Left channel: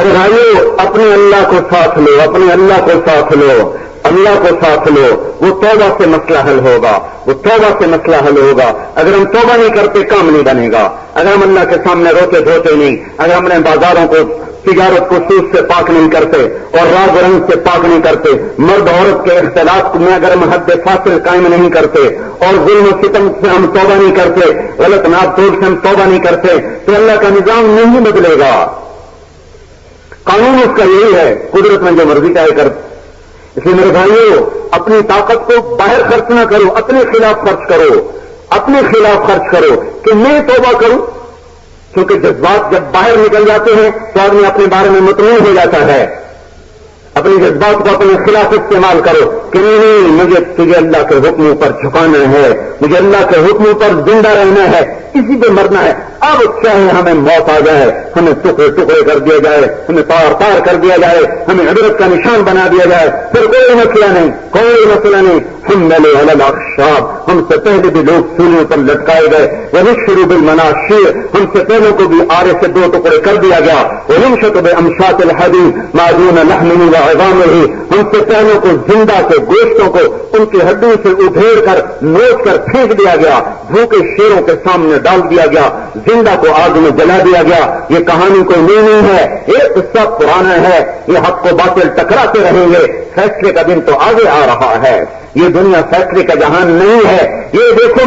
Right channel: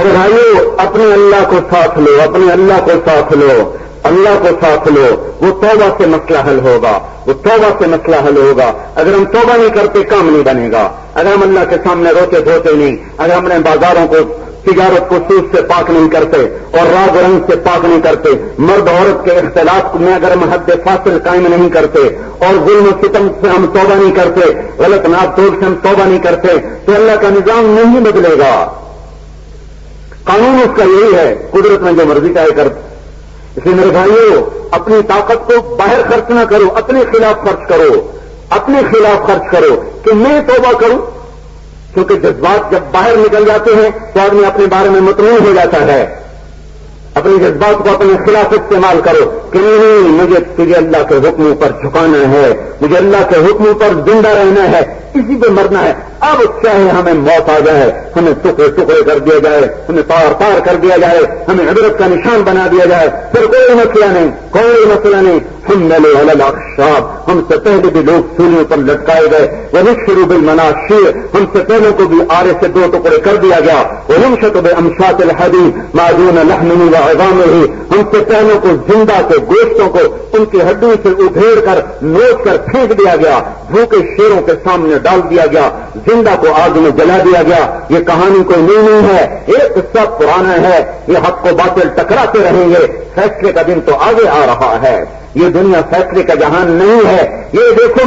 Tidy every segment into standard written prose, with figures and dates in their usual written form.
ارے بھائیو، اپنے اللہ کو ساتھ لو، اپنے اللہ کو ساتھ لو، اللہ کو ساتھ لو، وہ توبہ سے مسئلہ حل ہوگا، وہ توبہ سے مسئلہ حل ہوگا۔ اگر ہم توبہ نہیں کرتے کام نہیں بنے گا، اگر ہم اللہ کے سامنے روتے دھوتے نہیں، اگر ہم نے بازاروں کو تجارت کو سود سے پاک نہیں کرتے اور راگ رنگ سے پاک نہیں کرتے، مرد عورت کے اختلاف میں اگر ہم حد فاصل قائم نہیں کرتے اور ظلم و ستم سے ہم توبہ نہیں کرتے، غلط ناپ توڑ سے ہم توبہ نہیں کرتے، تو اللہ کا نظام نہیں بدلے گا۔ قانون اس کا یہی ہے، قدرت میں جو مرضی چاہے کر۔ اس لیے میرے بھائیو، اپنی طاقت کو باہر خرچ نہ کرو، اپنے خلاف خرچ کرو، اپنے خلاف خرچ کرو کہ میں توبہ کروں، کیونکہ جذبات جب باہر نکل جاتے ہیں تو آدمی اپنے بارے میں مطمئن ہو جاتا ہے۔ اپنی جذبات کو اپنے خلاف استعمال کرو کہ نہیں، مجھے تجھے اللہ کے حکموں پر جھکانا ہے، مجھے اللہ کے حکموں پر زندہ رہنا ہے، اسی پہ مرنا ہے۔ اب چاہے ہمیں موت آ جائے، ہمیں ٹکڑے ٹکڑے کر دیا جائے، ہمیں تار تار کر دیا جائے، ہمیں عبرت کا نشان بنا دیا جائے، پھر کوئی مسئلہ نہیں، کوئی مسئلہ نہیں۔ ہم ملے الاخشاب، ہم سے پہلے بھی لوگ سولیوں پر لٹکائے گئے، ونشروا بالمناشیر، ہم سے پہلوں کو بھی آرے سے دو ٹکڑے کر دیا گیا، وننشط بامشاط الحديد ما دون لحمه وعظامه، ہم سے پہلوں کو زندہ کے گوشتوں کو ان کی ہڈیوں سے ادھیڑ کر نوچ کر پھینک دیا گیا، بھوکے شیروں کے سامنے ڈال دیا گیا، زندہ کو آگ میں جلا دیا گیا۔ یہ کہانی کوئی نئی نہیں ہے، ایک قصہ پرانا ہے۔ یہ حق و باطل ٹکراتے رہیں گے، فیصلے کا دن تو آگے آ رہا ہے۔ یہ دنیا فیصلے کا جہان نہیں ہے۔ یہ دیکھو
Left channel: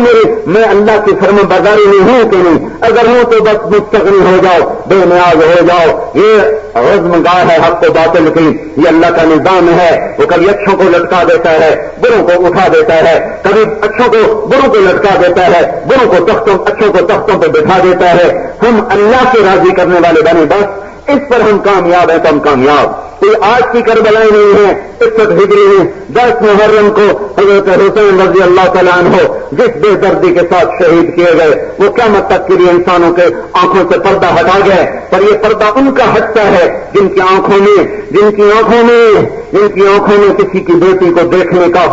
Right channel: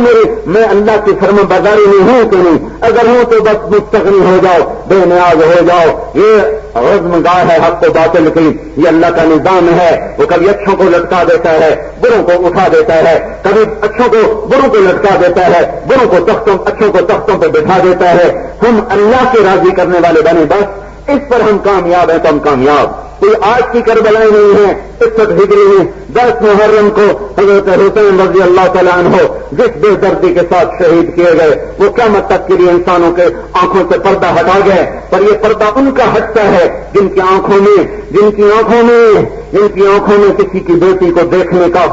میں اللہ کی فرما برداری میں ہوں کہ نہیں، اگر ہوں تو بس مستغنی ہو جاؤ، بے نیاز ہو جاؤ۔ یہ رزم گاہ ہے حق و باطل کی، یہ اللہ کا نظام ہے۔ وہ کبھی اچھوں کو لٹکا دیتا ہے، بروں کو اٹھا دیتا ہے، کبھی اچھوں کو بروں کو لٹکا دیتا ہے، بروں کو تختوں اچھوں کو تختوں پہ بٹھا دیتا ہے۔ ہم اللہ کو راضی کرنے والے بنے، بس اس پر ہم کامیاب ہیں تو ہم کامیاب۔ کوئی آج کی کربلائی نہیں ہے، 61 ہجری میں 10 محرم کو حضرت حسین رضی اللہ تعالیٰ عنہ جس بے دردی کے ساتھ شہید کیے گئے، وہ قیامت تک کے لیے انسانوں کے آنکھوں سے پردہ ہٹا گئے، پر یہ پردہ ان کا ہٹتا ہے جن کی آنکھوں میں کسی کی بیٹی کو دیکھنے کا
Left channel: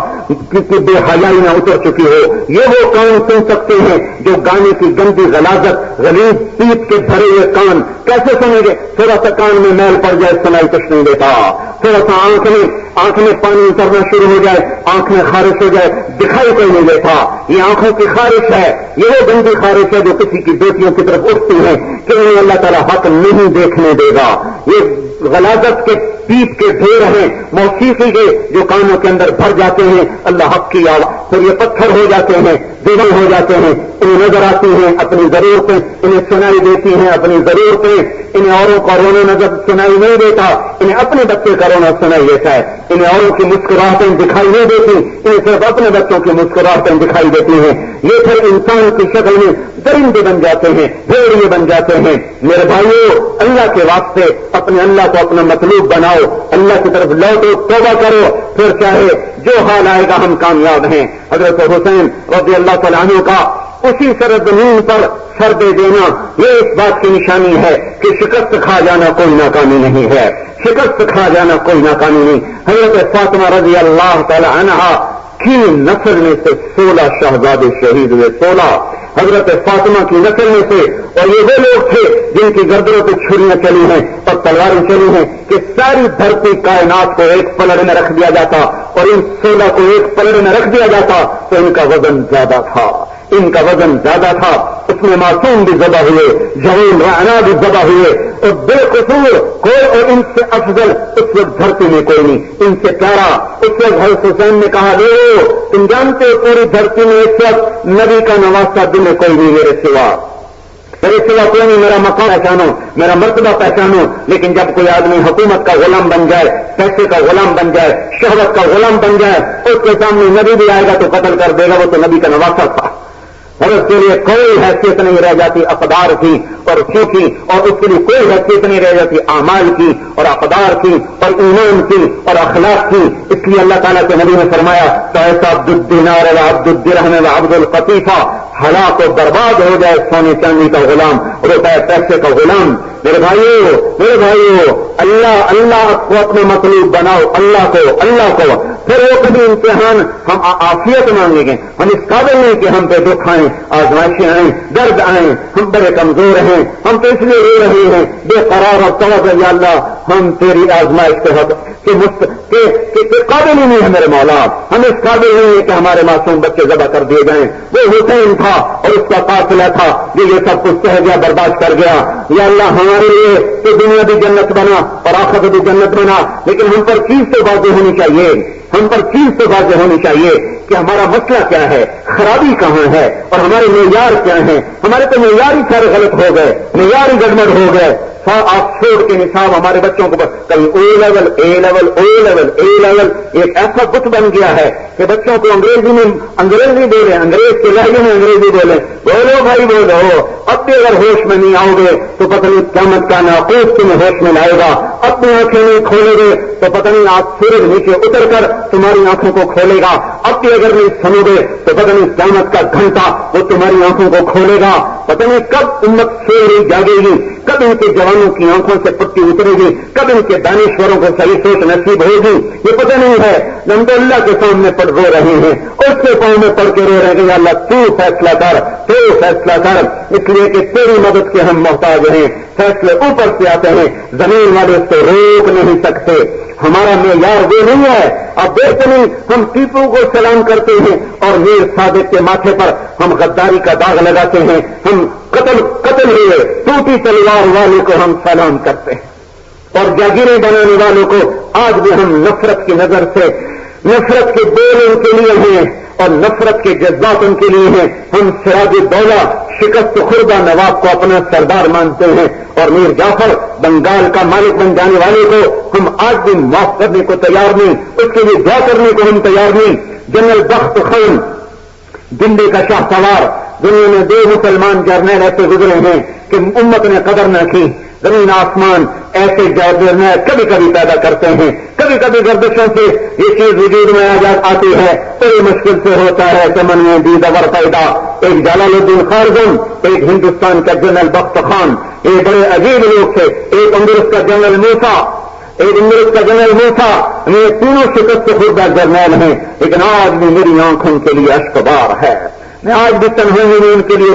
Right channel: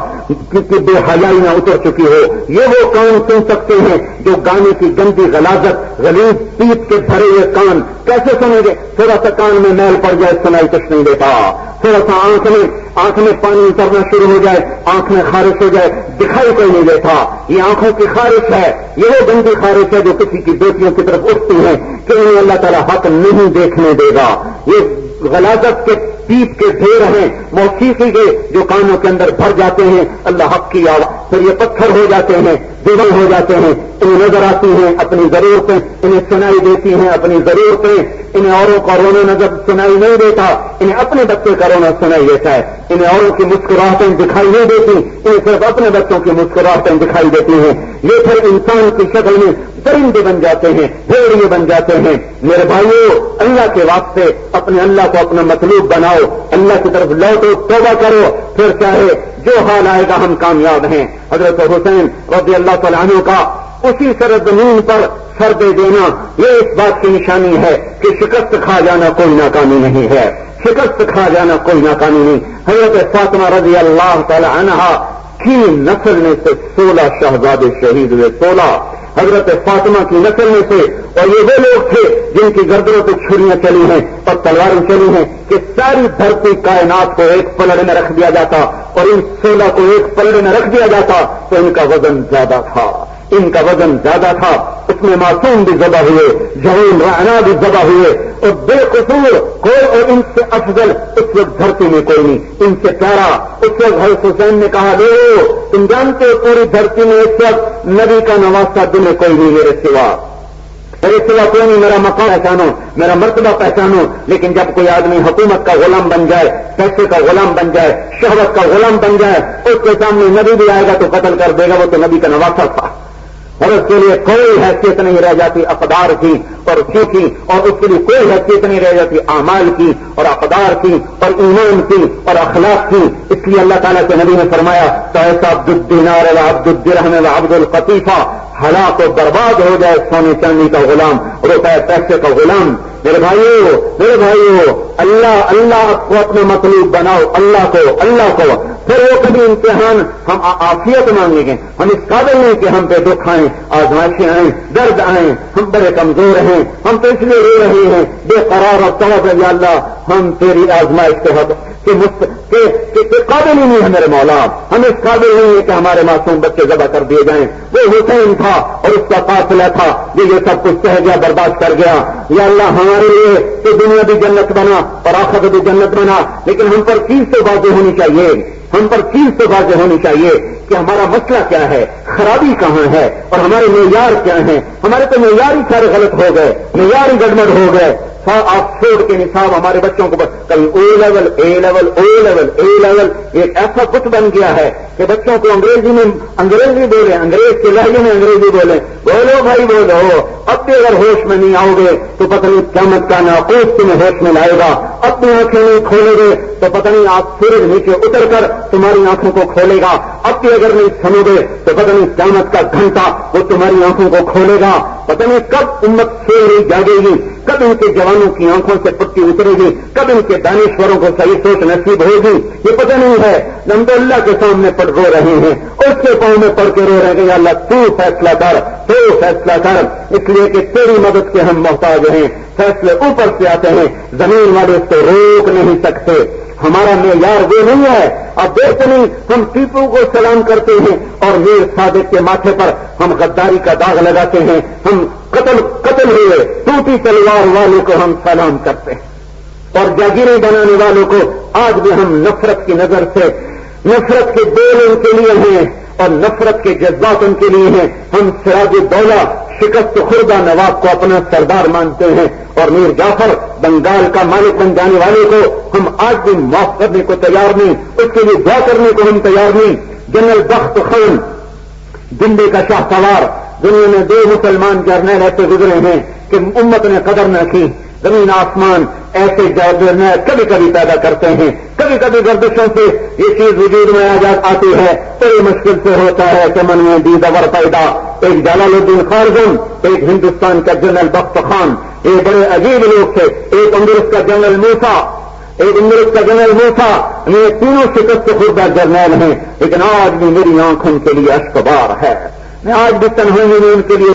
کسی بے حیائی نہ اتر چکی ہو۔ یہ وہ کان سن سکتے ہیں جو گانے کی گندی غلاظت، غلیظ پیپ کے بھرے ہوئے کان کیسے سنیں گے؟ تھوڑا سا کان میں میل پڑ جائے سنائی کچھ نہیں دیتا، تھوڑا سا آنکھ میں پانی اترنا شروع ہو جائے، آنکھ میں خارش ہو جائے، دکھائی کوئی نہیں دیتا۔ یہ آنکھوں کی خارش ہے، یہ وہ گندی خارش ہے جو کسی کی بیٹیوں کی طرف اٹھتی ہے کہ انہیں اللہ تعالیٰ حق نہیں دیکھنے دے گا۔ یہ غلاظت کے پیپ کے ڈھیر ہیں، موسیقی کے جو کانوں کے اندر بھر جاتے ہیں اللہ حق کی آواز، پھر یہ پتھر ہو جاتے ہیں، دیوار ہو جاتے ہیں، انہیں نظر آتی ہیں اپنی ضرورتیں، انہیں سنائی دیتی ہیں اپنی ضرورتیں، انہیں اوروں کا رونا نظر سنائی نہیں دیتا، انہیں اپنے بچے کا رونا سنائی دیتا ہے، انہیں اوروں کی مسکراہٹیں دکھائی نہیں دیتی، انہیں صرف اپنے بچوں کی مسکراہٹیں دکھائی دیتی ہیں۔ یہ پھر انسان کی شکل میں درندے بن جاتے ہیں، بھیڑیے بن جاتے ہیں۔ میرے بھائیو، اللہ کے واسطے اپنے اللہ کو اپنا مطلوب بناؤ، اللہ کی طرف لوٹو، توبہ کرو، پھر چاہے جو حال آئے گا ہم کامیاب ہیں۔ حضرت حسین رضی اللہ تعالیٰ عنہ کا اسی سرزمین پر سر دے دینا یہ اس بات کی نشانی ہے کہ شکست کھا جانا کوئی ناکامی نہیں ہے، شکست کھا جانا کوئی ناکامی نہیں۔ حضرت فاطمہ رضی اللہ تعالی عنہا کی نسل میں سے 16 شہزادے شہید ہوئے، 16 حضرت فاطمہ کی نسل میں سے، اور یہ وہ لوگ تھے جن کی گردنوں پہ چھریاں چلی ہیں اور تلواریں چلی ہیں کہ ساری دھرتی کائنات کو ایک پلڑ میں رکھ دیا جاتا، اور ان 16 کو ایک پلڑ میں رکھ دیا جاتا تو ان کا وزن زیادہ تھا، ان کا وزن زیادہ تھا۔ اس میں معصوم بھی ذبح ہوئے، جہیل رعنا بھی ذبح ہوئے، اور بے قصور کوئی اور ان سے افضل اس وقت دھرتی میں کوئی نہیں، ان سے پیارا اس وقت حضرت حسین نے کہا، لو تم جانتے ہو پوری دھرتی میں اس وقت نبی کا نواسہ دل میں کوئی نہیں میرے سوا کوئی نہیں، میرا مقام پہچانو، میرا مرتبہ پہچانو۔ لیکن جب کوئی آدمی حکومت کا غلام بن جائے، پیسے کا غلام بن جائے، شہرت کا غلام بن جائے، اس کے سامنے نبی بھی آئے گا تو قتل کر دے گا، وہ تو نبی کا نواسہ تھا۔ اور اس کے لیے کوئی حیثیت نہیں رہ جاتی اقدار کی اور اسی کی، اور اس کے لیے کوئی حیثیت نہیں رہ جاتی اعمال کی اور اقدار کی اور ایمان کی اور اخلاق کی۔ اس لیے اللہ تعالیٰ کے نبی نے فرمایا، عبد الدینار و عبد الدرہم و عبد القطیفہ، ہلاک و برباد ہو جائے سونے چاندی کا غلام، روپے پیسے کا غلام۔ میرے بھائیو اللہ کو اپنا مطلوب بناؤ، اللہ کو پھر وہ کبھی امتحان ہم عافیت مانگیں گے، ہم اس قابل نہیں کہ ہم پہ دکھ آئیں، آزمائشیں آئیں، درد آئیں، ہم بڑے کمزور ہیں، ہم تو اس لیے رو رہے ہیں بے قرار اور طلب ہے، یا اللہ ہم تیری آزمائش کے قابل ہی نہیں ہے میرے مولا، ہم اس قابل نہیں ہے کہ ہمارے معصوم بچے ذبح کر دیے جائیں۔ وہ حسین تھا اور اس کا قافلہ تھا جو یہ سب کچھ سہ گیا، برداشت کر گیا۔ یا اللہ ہمارے لیے تو دنیا بھی جنت بنا اور آخرت بھی جنت بنا، لیکن ہم پر چیز تو واضح ہونی چاہیے، کہ ہمارا مسئلہ کیا ہے، خرابی کہاں ہے اور ہمارے معیار کیا ہیں۔ ہمارے تو معیار ہی سارے غلط ہو گئے، معیار ہی گڑبڑ ہو گئے۔ آکسفورڈ کے نصاب ہمارے بچوں کو کہیں اے لیول ایک ایسا بت بن گیا ہے کہ بچوں کو انگریزی بولے، انگریز کے لہجے میں انگریزی بولے، بولو بھائی بولو۔ اب بھی اگر ہوش میں نہیں آؤ گے تو پتہ نہیں قیامت کا ناقوس تمہیں ہوش میں لائے گا۔ اپنی آنکھیں نہیں کھولے گے تو پتہ نہیں آپ سورج نیچے اتر کر تمہاری آنکھوں کو کھولے گا۔ اب بھی اگر نہیں سنو گے تو پتہ نہیں قیامت کا گھنٹہ وہ تمہاری آنکھوں کو کھولے گا۔ پتہ نہیں کب امت سو رہی جاگے گی، کب ان کے جوانوں کی آنکھوں سے پٹی اترے گی، کب ان کے دانشوروں کو صحیح سوچ نصیب ہوگی، یہ پتہ نہیں ہے۔ ہم تو اللہ کے سامنے پر رو رہے ہیں، اس کے پاؤں میں پڑھ کے رو رہے ہیں، اللہ تو فیصلہ کر، اس لیے کہ تیری مدد کے ہم محتاج ہیں۔ فیصلے اوپر سے آتے ہیں، زمین والے اس کو روک نہیں سکتے۔ ہمارا معیار وہ نہیں ہے۔ اب دیکھتے نہیں، ہم ٹیپو کو سلام کرتے ہیں اور میر صادق کے ماتھے پر ہم غداری کا داغ لگاتے ہیں، ہم قتل ہوئے ٹوٹی تلوار والے کو ہم سلام کرتے ہیں، اور جاگیریں بنانے والوں کو آج بھی ہم نفرت کی نظر سے، نفرت کے بول ان کے لیے ہیں اور نفرت کے جذبات ان کے لیے ہیں۔ ہم سراج الدولہ شکست خوردہ نواب کو اپنا سردار مانتے ہیں، اور میر جعفر بنگال کا مالک بن جانے والے کو ہم آج بھی معاف کرنے کو تیار نہیں، اس کے لیے جا کرنے کو ہم تیار نہیں۔ جنرل بخت خان دلی کا شاہ سوار، دنیا میں 2 مسلمان جرنیل ایسے گزرے ہیں کہ امت نے قدر نہ کی۔ زمین آسمان ایسے جرنیل کبھی کبھی پیدا کرتے ہیں، کبھی کبھی گردشوں سے یہ چیز وجود میں آتی ہے، بڑی مشکل سے ہوتا ہے کہ من میں دید اگر پیدا۔ ایک جلال الدین خارزم، ایک ہندوستان کا جنرل بخت خان، یہ بڑے عجیب لوگ تھے۔ ایک اندرس کا جنرل موسیٰ، یہ تینوں شکست خوردہ جرنیل ہیں، لیکن آج بھی میری آنکھوں کے لیے اشکبار ہے۔ میں آج بھی تنہائی میں ان کے لیے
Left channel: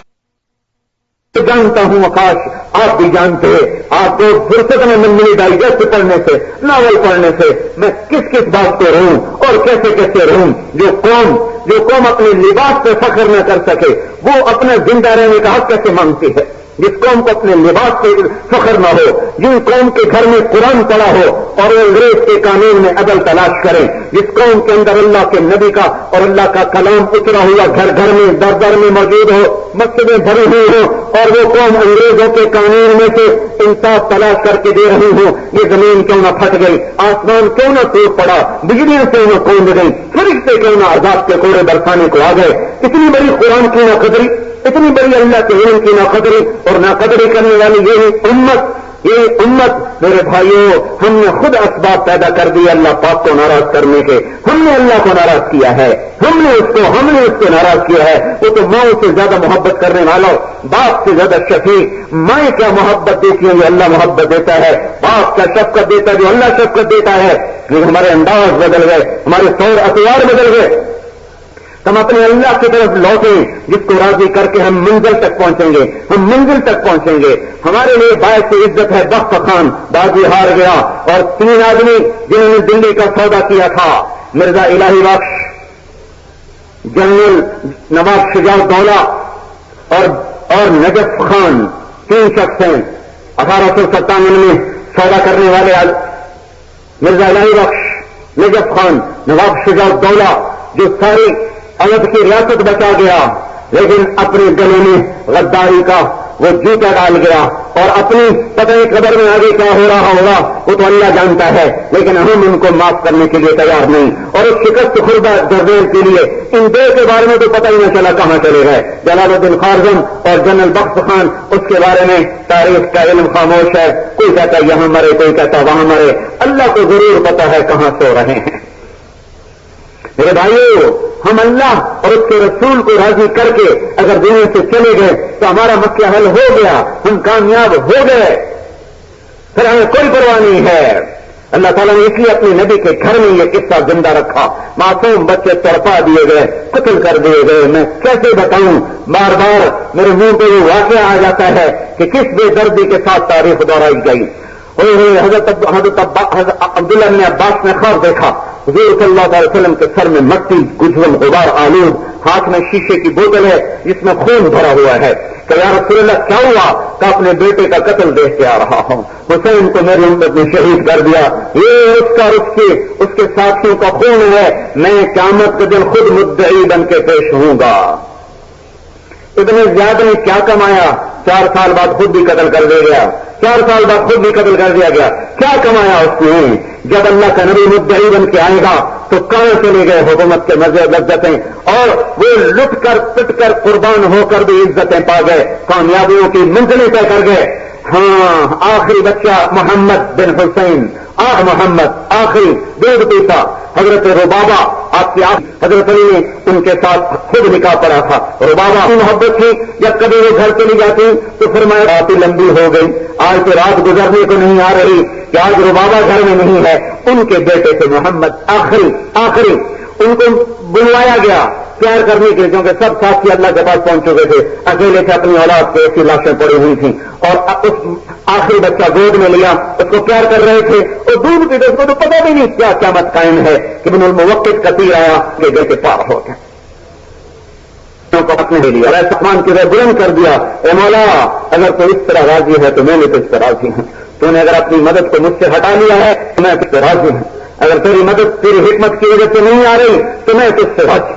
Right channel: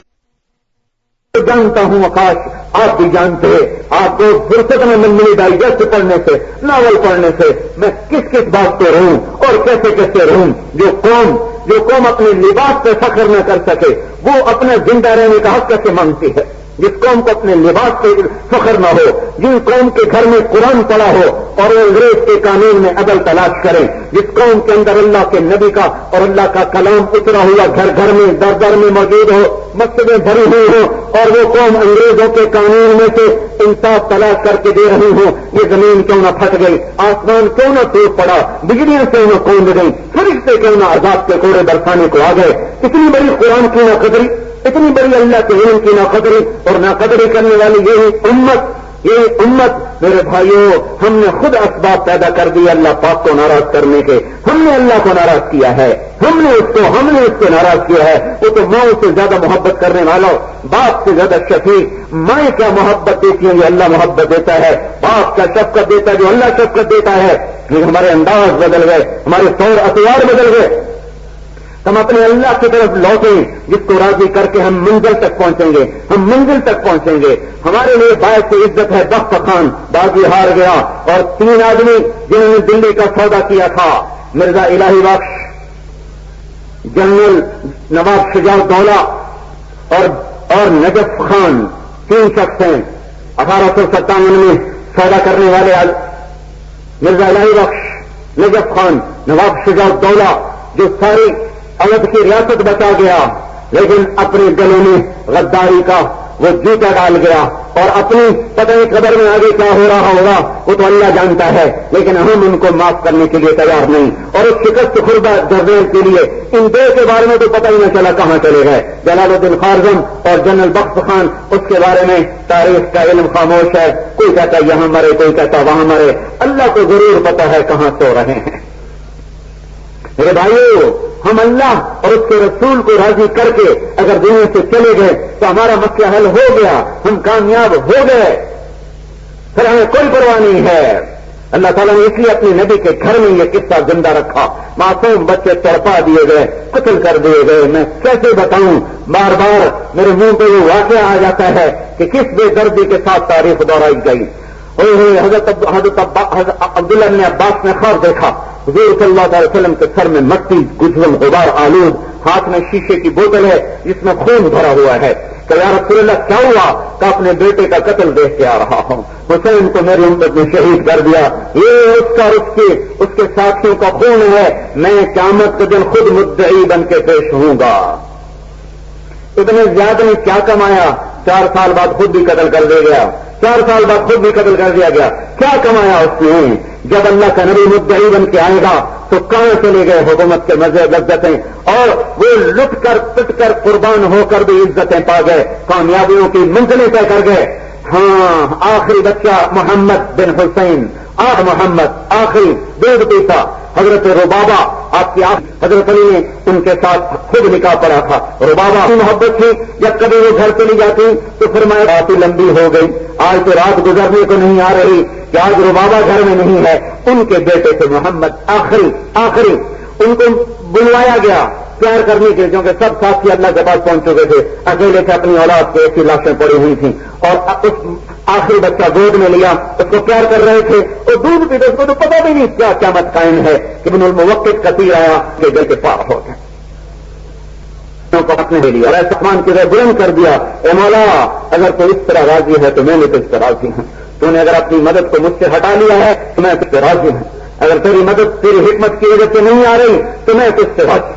جانتا ہوں، آکاش آپ بھی جانتے ہیں۔ آپ کو فرصت میں ملی ڈائجسٹ پڑھنے سے، ناول پڑھنے سے میں کس بات پہ رہوں اور کیسے رہوں۔ جو قوم اپنے لباس پہ فخر نہ کر سکے، وہ اپنے زندہ رہنے کا حق کیسے مانگتی ہے؟ جس قوم کو اپنے لباس پہ فخر نہ ہو، جن قوم کے گھر میں قرآن پڑا ہو اور انگریز کے قانون میں عدل تلاش کریں، جس قوم کے اندر اللہ کے نبی کا اور اللہ کا کلام اترا ہوا گھر گھر میں در میں موجود ہو، مسجدیں بھری ہوئی ہوں، اور وہ قوم انگریزوں کے قانون میں سے انصاف تلاش کر کے دے رہی ہوں، یہ زمین کیوں نہ پھٹ گئی، آسمان کیوں نہ ٹوٹ پڑا، بجلیاں کیوں نہ کوند گئی، فرشتے کیوں نہ عذاب کے کوڑے برسانے کو آ گئے، اتنی بڑی قرآن کی نہ قدری، اتنی بڑی اللہ کے علم کی ناقدری اور ناقدری کرنے والی یہ امت میرے بھائیوں، ہم نے خود اسباب پیدا کر دی اللہ پاک کو ناراض کرنے کے۔ ہم نے اللہ کو ناراض کیا ہے، ہم نے اس کو ناراض کیا ہے۔ وہ تو ماں سے زیادہ محبت کرنے والا، باپ سے زیادہ شفیق، ماں کیا محبت دیتی ہے جو اللہ محبت دیتا ہے، باپ کیا شفقت دیتا ہے جو اللہ شفقت دیتا ہے۔ لیکن ہمارے انداز بدل گئے، ہمارے طور اطوار بدل گئے۔ ہم اپنے اللہ کی طرف لوٹیں جس کو راضی کر کے ہم منزل تک پہنچیں گے۔ ہمارے لیے باعث عزت ہے بخت خان بازی ہار گیا، اور 3 آدمی جنہوں نے دلی کا سودا کیا تھا، مرزا الہی بخش، جنرل نواب شجاع الدولہ اور نجف خان، 3 شخص ہیں 1857 میں سودا کرنے والے۔ مرزا الہی بخش، نجف خان، نواب شجاع الدولہ جو ساری اودھ کی ریاست بچا گیا، لیکن اپنے گلے میں غداری کا وہ جوتا ڈال گیا، اور اپنی پتہ نہیں خبر میں آگے کیا ہو رہا ہوگا وہ تو اللہ جانتا ہے، لیکن ہم ان کو معاف کرنے کے لیے تیار نہیں۔ اور اس شکست خوردہ جرنیل کے لیے ان 2 کے بارے میں تو پتہ ہی نہ چلا کہاں چلے گئے، جلال الدین خارزم اور جنرل بخت خان، اس کے بارے میں تاریخ کا علم خاموش ہے، کوئی کہتا یہاں مرے، کوئی کہتا وہاں مرے، اللہ کو ضرور پتہ ہے کہاں سو رہے ہیں۔ میرے بھائیو، ہم اللہ اور اس کے رسول کو راضی کر کے اگر دنیا سے چلے گئے تو ہمارا مسئلہ حل ہو گیا، ہم کامیاب ہو گئے، پھر ہمیں کوئی پرواہ نہیں ہے۔ اللہ تعالیٰ نے اس لیے اپنے نبی کے گھر میں یہ قصہ زندہ رکھا۔ معصوم بچے تڑپا دیے گئے، قتل کر دیے گئے، میں کیسے بتاؤں، بار بار میرے منہ پہ یہ واقعہ آ جاتا ہے کہ کس بے دردی کے ساتھ تاریخ دہرائی گئی۔ حضرت عبداللہ بن عباس نے خواب دیکھا، حضور صلی اللہ علیہ وسلم کے سر میں مٹی، گجھل، غبار آلود، ہاتھ میں شیشے کی بوتل ہے جس میں خون بھرا ہوا ہے کہ یا رسول اللہ کیا ہوا؟ کہ اپنے بیٹے کا قتل دیکھ کے آ رہا ہوں، حسین تو میری امت نے شہید کر دیا، یہ اس کا اس کے ساتھیوں کا خون ہے، میں قیامت کے دن خود مدعی بن کے پیش ہوں گا۔ اتنے زیادہ نے کیا کمایا؟ 4 سال بعد خود بھی قتل کر دیا گیا، 4 سال بعد خود بھی قتل کر دیا گیا۔ کیا کمایا اس نے؟ جب اللہ کا نبی مدعی بن کے آئے گا تو کہاں چلے گئے حکومت کے مزے لذتیں، اور وہ لٹ کر پٹ کر قربان ہو کر بھی عزتیں پا گئے، کامیابیوں کی منزلیں طے کر گئے۔ ہاں، آخری بچہ محمد بن حسین، محمد آخری دودھ پیتا، حضرت ربابہ آپ کی حضرت علی نے ان کے ساتھ خود نکاح پڑا تھا۔ ربابہ کی محبت تھی، جب کبھی وہ گھر چلی جاتی تو فرمایا رات لمبی ہو گئی، آج تو رات گزرنے کو نہیں آ رہی کہ آج ربابہ گھر میں نہیں ہے۔ ان کے بیٹے تھے محمد آخری ان کو بلوایا گیا پیار کرنے کے، کیونکہ سب ساتھی اللہ کے پاس پہنچ چکے تھے، اکیلے سے اپنی اولاد کو ایسی لاشیں پڑی ہوئی تھیں، اور اس آخری بچہ گود میں لیا، اس کو پیار کر رہے تھے، اور دودھ پیتے اس کو تو پتہ بھی نہیں کیا قیامت قائم ہے کہ ابن الموقت کثیر آیا کہ دل کے پار ہو گیا، اپنے لے لیا، سامان کی طرح بلند کر دیا، اے مولا اگر تو اس طرح راضی ہے تو میں نے تو اس طرح راضی ہوں، تو نے اگر اپنی مدد کو مجھ سے ہٹا لیا ہے تو میں تجھ سے راضی ہوں، اگر تیری مدد تیری حکمت کی وجہ سے نہیں آ رہی تو میں تجھ سے راضی۔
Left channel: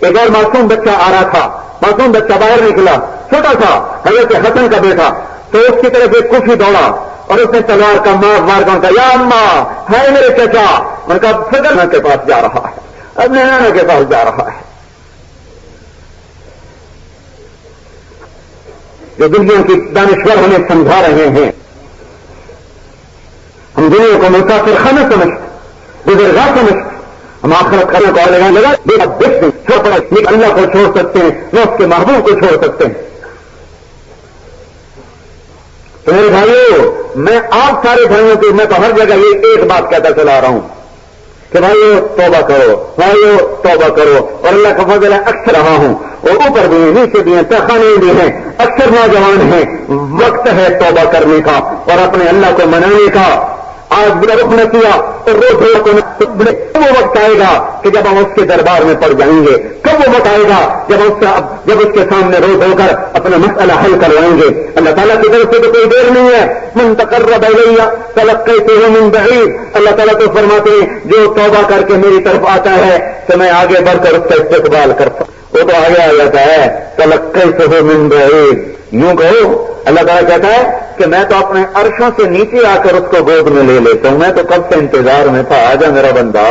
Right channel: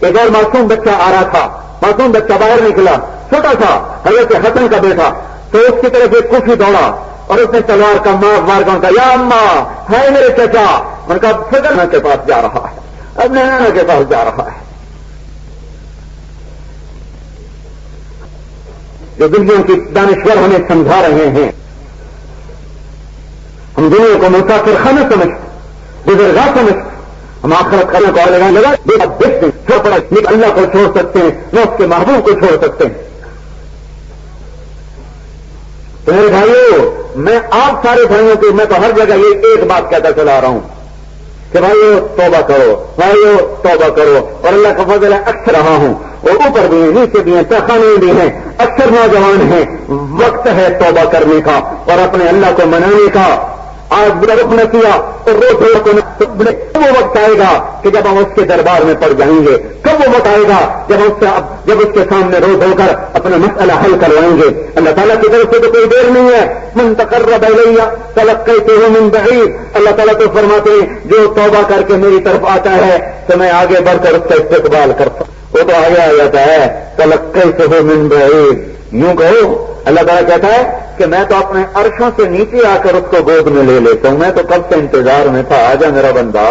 ایک اور معصوم بچہ آ رہا تھا، معصوم بچہ باہر نکلا، چھوٹا تھا، حضرت حسن کا بیٹا، تو اس کی طرف ایک کچھ دوڑا اور اس نے تلوار کا مار کہا یا اماں ہے میرے چچا، ان کا فضل کے پاس جا رہا ہے، اپنے نانا کے پاس جا رہا ہے۔ جو دنیا کی دانشور ہمیں سمجھا رہے ہیں، ہم دنیا کو مسافر خانہ سمجھتے، گزرگاہ سمجھتے، ہم آخرت کرنے کو لگانے لگا دیکھتے چھوٹا اللہ کو چھوڑ سکتے ہیں، نہ اس کے محبوب کو چھوڑ سکتے ہیں۔ تو میرے بھائیو، میں آپ سارے بھائیوں کو میں تو ہر جگہ یہ ایک بات کہتا چلا رہا ہوں کہ بھائیو توبہ کرو، بھائیو توبہ کرو، اور اللہ کا فضل ہے اکثر رہا ہوں، اور اوپر بھی ہیں نیچے بھی ہیں تہخانے بھی ہیں، اکثر نوجوان ہیں، وقت ہے توبہ کرنے کا اور اپنے اللہ کو منانے کا۔ آج برا رخ نہ کیا تو روز کو کب وہ وقت آئے گا کہ جب ہم اس کے دربار میں پڑ جائیں گے، کب وہ وقت آئے گا جب اس کے سامنے روز ہو کر اپنا مسئلہ حل کروائیں گے۔ اللہ تعالیٰ کی طرف سے تو کوئی دیر نہیں ہے، من تقرب الیہ تلقیتہ من بعید، اللہ تعالیٰ تو فرماتے ہیں جو توبہ کر کے میری طرف آتا ہے تو میں آگے بڑھ کر اس کا استقبال کرتا ہوں۔ وہ تو آگے آ جاتا ہے تلقیتہ من بعید، یوں کہو اللہ تعالیٰ کہتا ہے کہ میں تو اپنے عرشوں سے نیچے آ کر اس کو گود میں لے لیتا ہوں، میں تو کب سے انتظار میں تھا، آجا میرا بندہ،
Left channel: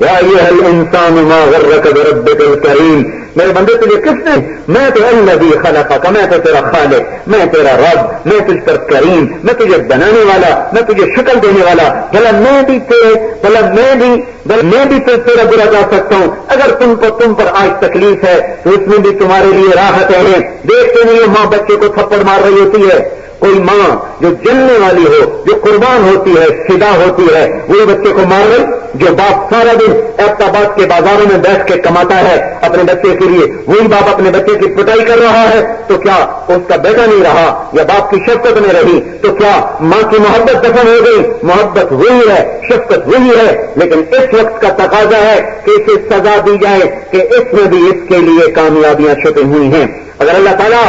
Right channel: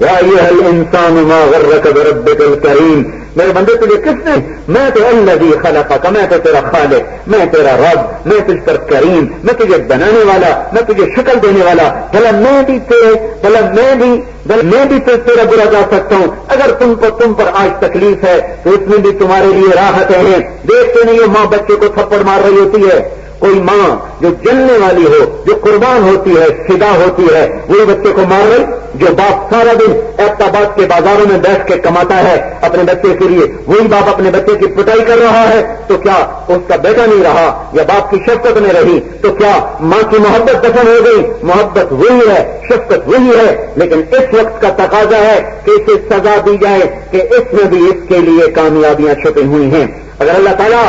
یا ایھا الانسان ما غرک بربک الکریم، میرے بندے تجھے کس نے، میں تو الذی خلقک، میں تو تیرا خالق، میں تیرا رب، میں تجھ پر کریم، میں تجھے بنانے والا، میں تجھے شکل دینے والا، بھلا میں بھی تیرا برا جا سکتا ہوں۔ اگر تم پر آج تکلیف ہے تو اس میں بھی تمہارے لیے راحتیں ہیں۔ دیکھتے نہیں ماں بچے کو تھپڑ مار رہی ہوتی ہے، کوئی ماں جو جلنے والی ہو، جو قربان ہوتی ہے، فدا ہوتی ہے، وہی بچے کو مار رہی، جو باپ سارا دن ایبٹآباد کے بازاروں میں بیٹھ کے کماتا ہے اپنے بچے کے لیے، وہی باپ اپنے بچے کی پٹائی کر رہا ہے، تو کیا اس کا بیٹا نہیں رہا یا باپ کی شفقت میں رہی؟ تو کیا ماں کی محبت دفن ہو گئی؟ محبت وہی ہے، شفقت وہی ہے، لیکن اس وقت کا تقاضا ہے کہ اسے سزا دی جائے کہ اس میں بھی اس کے لیے کامیابیاں چھپی ہوئی ہیں۔ اگر اللہ تعالیٰ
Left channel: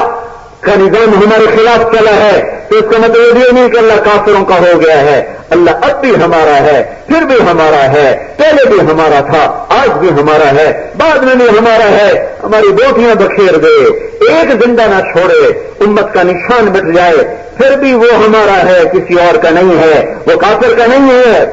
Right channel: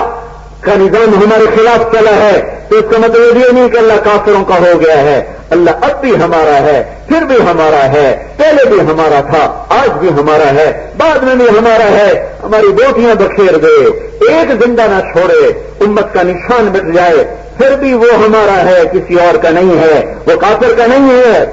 کا نظام ہمارے خلاف چلا ہے تو اس کا مطلب یہ نہیں کہ اللہ کافروں کا ہو گیا ہے، اللہ اب بھی ہمارا ہے، پھر بھی ہمارا ہے، پہلے بھی ہمارا تھا، آج بھی ہمارا ہے، بعد میں بھی ہمارا ہے۔ ہماری بیٹیاں بکھیر دے، ایک زندہ نہ چھوڑے، امت کا نشان بچ جائے، پھر بھی وہ ہمارا ہے، کسی اور کا نہیں ہے، وہ کافر کا نہیں ہے۔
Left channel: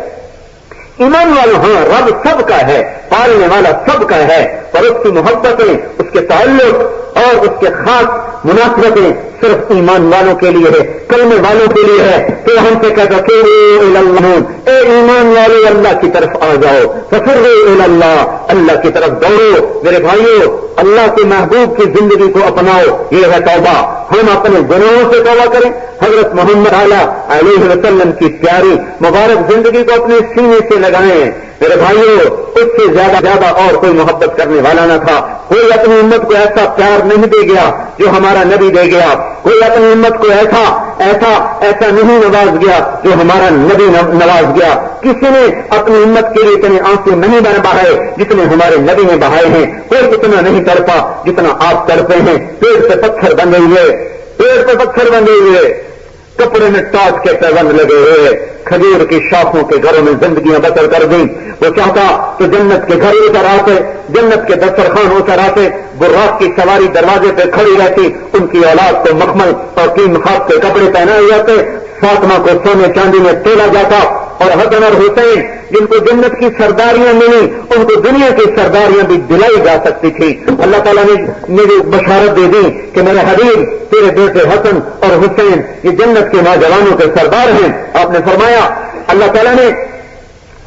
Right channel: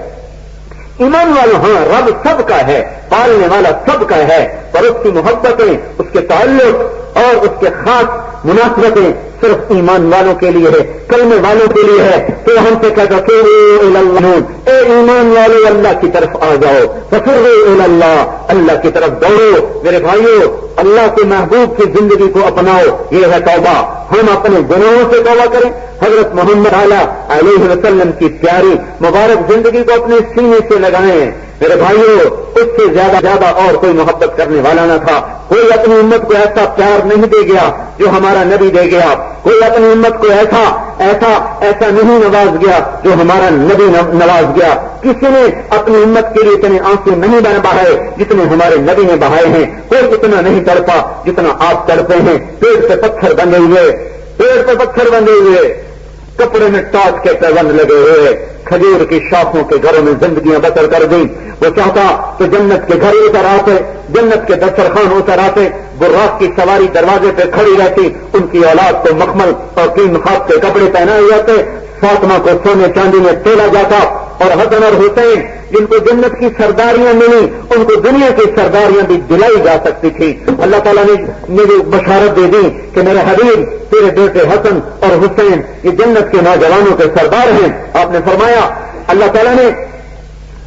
ایمان والے ہاں رب سب کا ہے، پالنے والا سب کا ہے، اور اس کی محبتیں، اس کے تعلق اور اس کے خاص مناسبتیں صرف ایمان والوں کے لیے ہے، کلمے والوں کے لیے ہے. تو ہم سے کہتا کہ اے ایمان والے اللہ کی طرف آ جاؤ، ففروا الی اللہ، اللہ کی طرف دوڑو. میرے بھائیو، اللہ کے محبوب کی زندگی کو اپناؤ، یہ ہے توبہ. ہم اپنے گناہوں سے توبہ کریں، حضرت محمد علیہ وسلم کی پیاری مبارک زندگی کو اپنے سینے سے لگائیں. میرے بھائیو، اس سے زیادہ اور کوئی محبت کرنے والا نہ تھا. کوئی اپنی امت کو ایسا پیار نہیں دے گیا جو ہمارا نبی دے گیا. کوئی اپنی امت کو ایسا نہیں نواز گیا جو ہمارا نبی نواز گیا. کسی نے اپنی امت کے لیے اتنے آنسو نہیں بہائے جتنے ہمارے نبی نے بہائے ہیں. کوئی اتنا نہیں تڑپا جتنا آپ تڑپے ہیں. پیڑ پہ پتھر بندھے ہوئے، کپڑے میں ٹاٹ کے پیبند لگے ہوئے، کھجور کی شاخوں کے گھروں میں زندگیاں بسر کر دیں. وہ چاہتا کہ جنت کے گھر اتر آتے، جنت کے دسترخوان اتر آتے، براق کی سواری دروازے پہ کھڑی رہتی، ان کی اولاد کو مخمل اور تین خاص کے کپڑے پہنائے جاتے، فاطمہ کو سونے چاندی میں تولا جاتا، اور حسن اور حسین جن کو جنت کی سرداریاں ملی ان کو دنیا کی سرداریاں بھی دلائی جا سکتی تھی. اللہ تعالیٰ نے مجھے بشارت دے دی کہ میرے حبیب تیرے بیٹے حسن اور حسین یہ جنت کے نوجوانوں کے سردار ہیں. آپ نے فرمایا اللہ تعالیٰ نے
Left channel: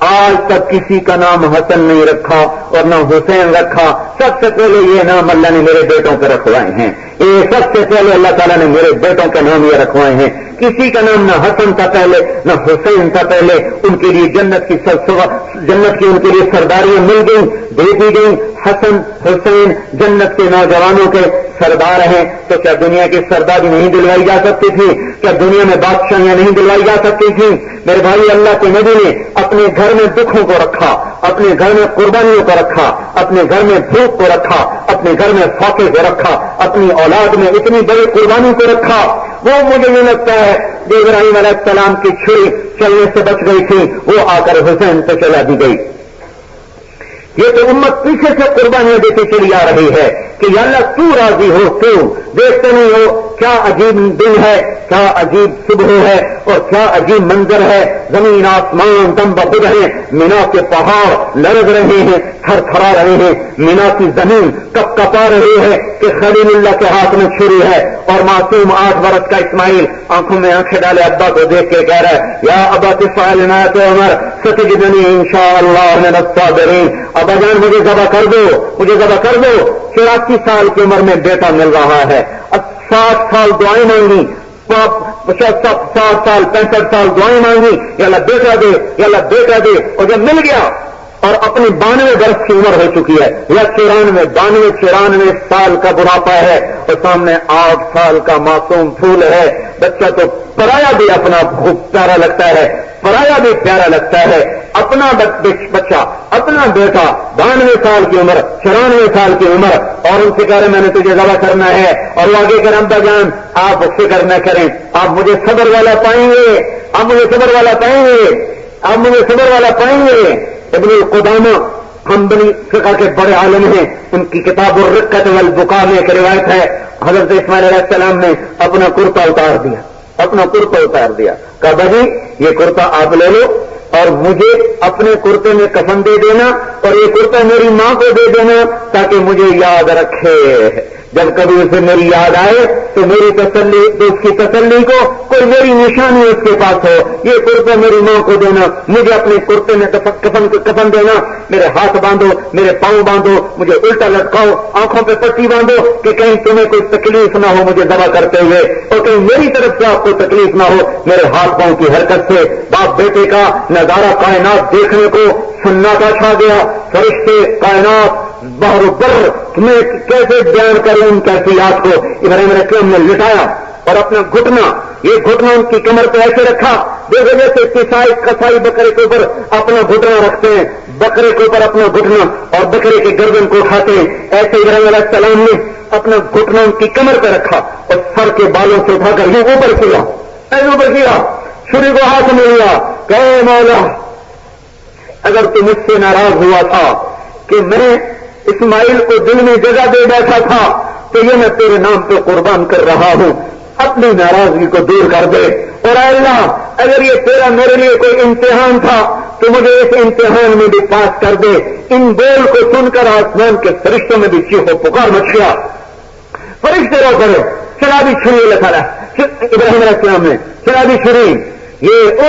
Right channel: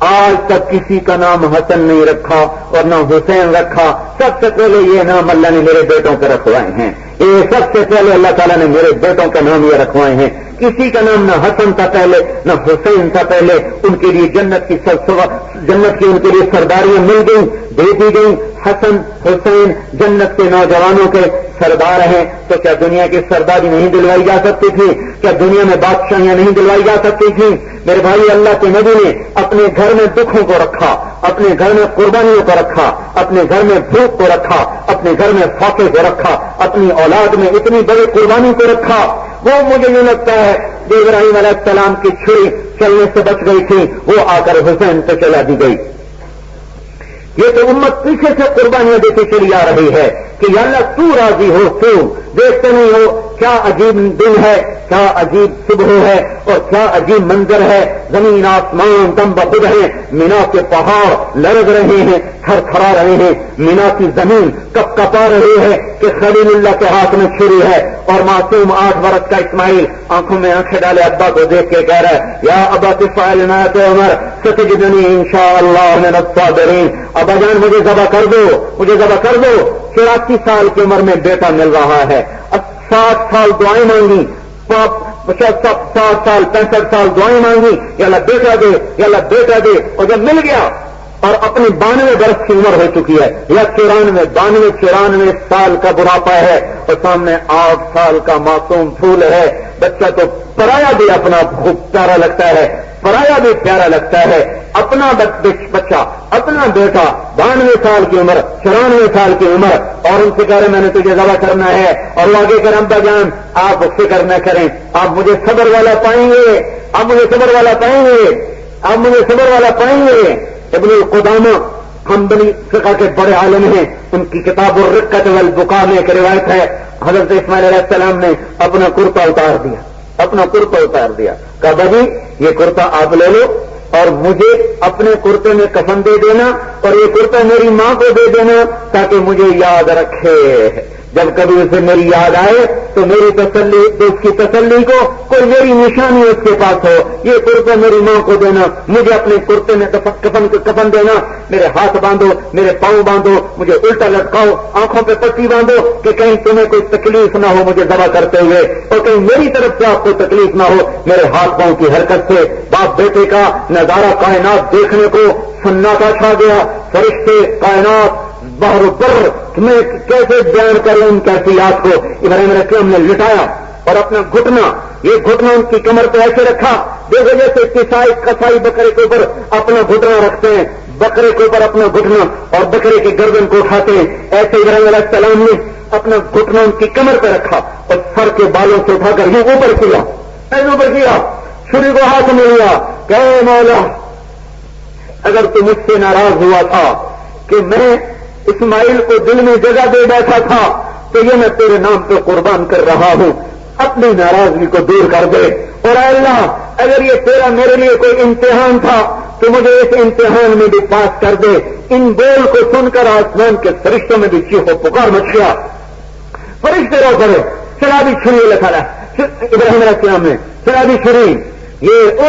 آج تک کسی کا نام حسن نہیں رکھا اور نہ حسین رکھا. سب سے پہلے یہ نام اللہ نے میرے بیٹوں کو رکھوائے ہیں. یہ سب سے پہلے اللہ تعالیٰ نے میرے بیٹوں کا نام یہ رکھوائے ہیں. کسی کا نام نہ حسن تھا پہلے نہ حسین تھا پہلے. ان کے لیے جنت کی ان کے لیے سرداریاں مل گئیں، دے دی گئیں. حسن حسین جنت کے نوجوانوں کے سردار ہیں. تو کیا دنیا کی سرداری نہیں دلوائی جا سکتی تھی؟ کیا دنیا میں بادشاہیاں نہیں دلوائی جا سکتی تھی؟ میرے بھائی، اللہ کے نبی نے اپنے گھر میں دکھوں کو رکھا، اپنے گھر میں قربانیوں کو رکھا، اپنے گھر میں بھوک کو رکھا، اپنے گھر میں فاقے کو رکھا، اپنی اولاد میں اتنی بڑی قربانی کو رکھا. وہ مجھے نہیں لگتا ہے جو ابراہیم علیہ السلام کی چھری چلنے سے بچ گئی تھی وہ آ کر حسین سے چلا دی گئی. یہ تو امت پیچھے سے قربانیاں دیتی چلی آ رہی ہے کہ یا اللہ تو راضی ہو، تو دیکھتے نہیں ہو کیا عجیب دن ہے، کیا عجیب صبح ہے اور کیا عجیب منظر ہے. زمین آسمان دم بخود ہیں، مینا کے پہاڑ لرز رہے ہیں، تھر تھرا رہے ہیں. مینا کی زمین کپ کپا رہی ہے کہ خلیل اللہ کے ہاتھ میں چھری ہے اور معصوم 8 برس کا اسماعیل آنکھوں میں آنکھیں ڈالے ابا کو دیکھ کے کہہ رہا ہے یا ابا تفعلنا عمر ستجدنی انشاءاللہ من الصابرین. ابا جان مجھے ذبح کر دو، مجھے ذبح کر دو. 84 سال کی عمر میں بیٹا مل رہا ہے، 60 سال دعائیں مانگی، 60 سال 65 سال دعائیں مانگی یا اللہ بیٹا دے، یا اللہ بیٹا دے. اور جب مل گیا اور اپنی 92 برس کی عمر ہو چکی ہے یا 94 سال کا بڑھاپا ہے اور سامنے 8 سال کا معصوم پھول ہے. بچہ تو پرایا بھی اپنا خوب پیارا لگتا ہے، پرایا بھی پیارا لگتا ہے. اپنا بچہ، اپنا بیٹا 92 سال کی عمر، 94 سال کی عمر، اور ان سے کہہ رہے میں نے تجھے ذبح کرنا ہے. اور وہ آگے کرم ابا جان آپ فکر نہ کریں، آپ مجھے صبر والا پائیں گے، آپ مجھے صبر والا پائیں گے، آپ مجھے صبر والا پائیں گے. ابن قدامہ حنبلی فقہ کے بڑے عالم ہیں، ان کی کتاب الرقۃ والبقاء میں ایک روایت ہے حضرت اسماعیل علیہ السلام نے اپنا کرتا اتار دیا، کہا بھائی یہ کرتا آپ لے لو اور مجھے اپنے کرتے میں کفن دے دینا اور یہ کرتا میری ماں کو دے دینا تاکہ مجھے یاد رکھے. جب کبھی اسے میری یاد آئے تو میری تسلی، تو اس کی تسلی کو کوئی میری نشانی اس کے پاس ہو. یہ کرتا میری ماں کو دینا، مجھے اپنے کرتے میں کفن دینا. میرے ہاتھ باندھو، میرے پاؤں باندھو، مجھے الٹا لٹکاؤ، آنکھوں پہ پٹی باندھو کہ کہیں تمہیں کوئی تکلیف نہ ہو مجھے ذبح کرتے ہوئے، اور کہیں میری طرف سے آپ کو تکلیف نہ ہو. میرے ہاتھ پاؤں کی حرکت سے باپ بیٹے کا نظارہ کائنات دیکھنے کو سناٹا چھا گیا. فرشتے، کائنات، بحر و بر، تمہیں کیسے بیان کروں ان کیفیات کو. ابراہیم علیہ السلام نے لٹایا اور اپنا گھٹنا، یہ گھٹنا ان کی کمر پہ ایسے رکھا. دیکھو جیسے کسائی بکرے کے اوپر اپنا گھٹنا رکھتے ہیں، بکرے کے اوپر اپنا گھٹنا اور بکرے کے گردن کو اٹھاتے ہیں، ایسے ابراہیم علیہ السلام نے اپنا گھٹنا ان کی کمر پہ رکھا اور سر کے بالوں سے اٹھا کر یہ اوپر کیا، ایسے اوپر کیا، چھری کو ہاتھ میں لیا کہ اے مولا اگر تم مجھ سے ناراض ہوا تھا کہ میں اسماعیل کو دل میں جگہ دے بیٹھا تھا تو یہ میں تیرے نام پہ قربان کر رہا ہوں، اپنی ناراضگی کو دور کر دے. اور اے اللہ اگر یہ تیرا میرے لیے کوئی امتحان تھا تو مجھے اس امتحان میں بھی پاس کر دے. ان بول کو سن کر آسمان کے فرشتوں میں بھی چیخ و پکار مچ گیا. فرشتے رو کرو شرابی چھری لکھا رہا ابراہیم علیہ السلام نے شرابی چھری. یہ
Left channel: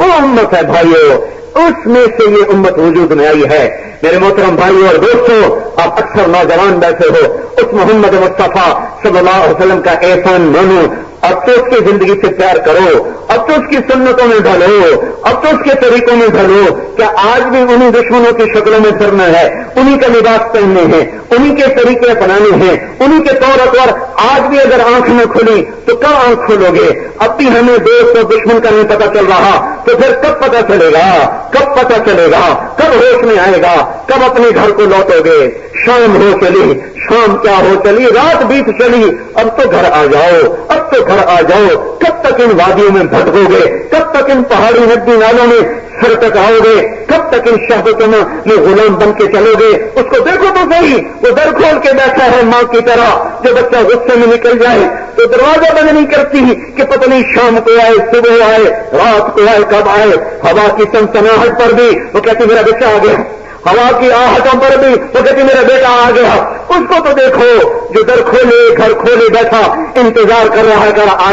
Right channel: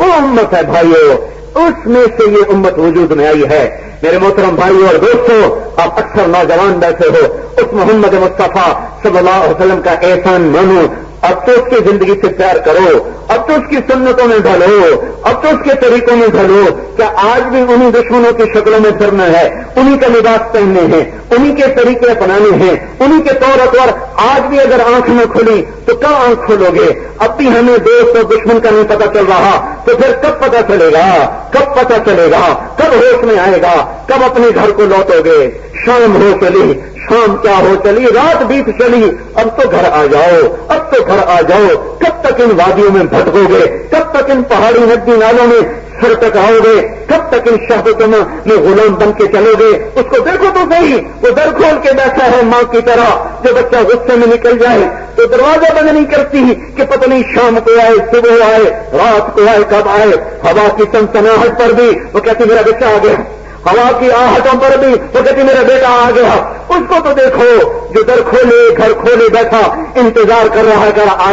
وہ امت ہے بھائیو، اس میں سے یہ امت وجود میں آئی ہے. میرے محترم بھائیو اور دوستوں، آپ اکثر نوجوان بیٹھے ہو، اس محمد مصطفیٰ صلی اللہ علیہ وسلم کا احسان مانو، اب تو اس کی زندگی سے پیار کرو، اب تو اس کی سنتوں میں ڈھلو، اب تو اس کے طریقوں میں ڈھلو. کیا آج بھی انہیں دشمنوں کی شکلوں میں پھرنا ہے، انہیں کا لباس پہننے ہیں، انہیں کے طریقے اپنانے ہیں، انہیں کے طور پر آج بھی اگر آنکھ نہ کھلی تو کب آنکھ کھولو گے؟ اب بھی ہمیں دوست اور دشمن کا نہیں پتا چل رہا تو پھر کب پتا چلے گا؟ کب پتا چلے گا؟ کب ہوش میں آئے گا؟ کب اپنے گھر کو لوٹو گے؟ شام ہو چلی، شام کیا ہو چلی، رات بیت چلی، اب تو گھر آ جاؤ، اب تو گھر آ جاؤ. کب تک ان وادیوں میں بھٹکو گے؟ کب تک ان پہاڑی ندی نالوں میں سر ٹکاؤ گے؟ کب تک ان شہبتوں میں غلام بن کے چلو گے؟ اس کو دیکھو تو صحیح، وہ در کھول کے بیٹھا ہے ماں کی طرح. جو بچہ غصے میں نکل جائے تو دروازہ بند نہیں کرتی کہ پتہ نہیں شام کو آئے، صبح آئے، رات کو آئے، کب آئے. ہوا کی سنسناہٹ پر بھی وہ کہتی میرا بچہ آ گیا، ہوا کی آہٹوں پر بھی وہ کہتی میرا بیٹا آ گیا. اس کو تو دیکھو جو در کھولے گھر کھولے بیٹھا انتظار کر رہا ہے کہ آ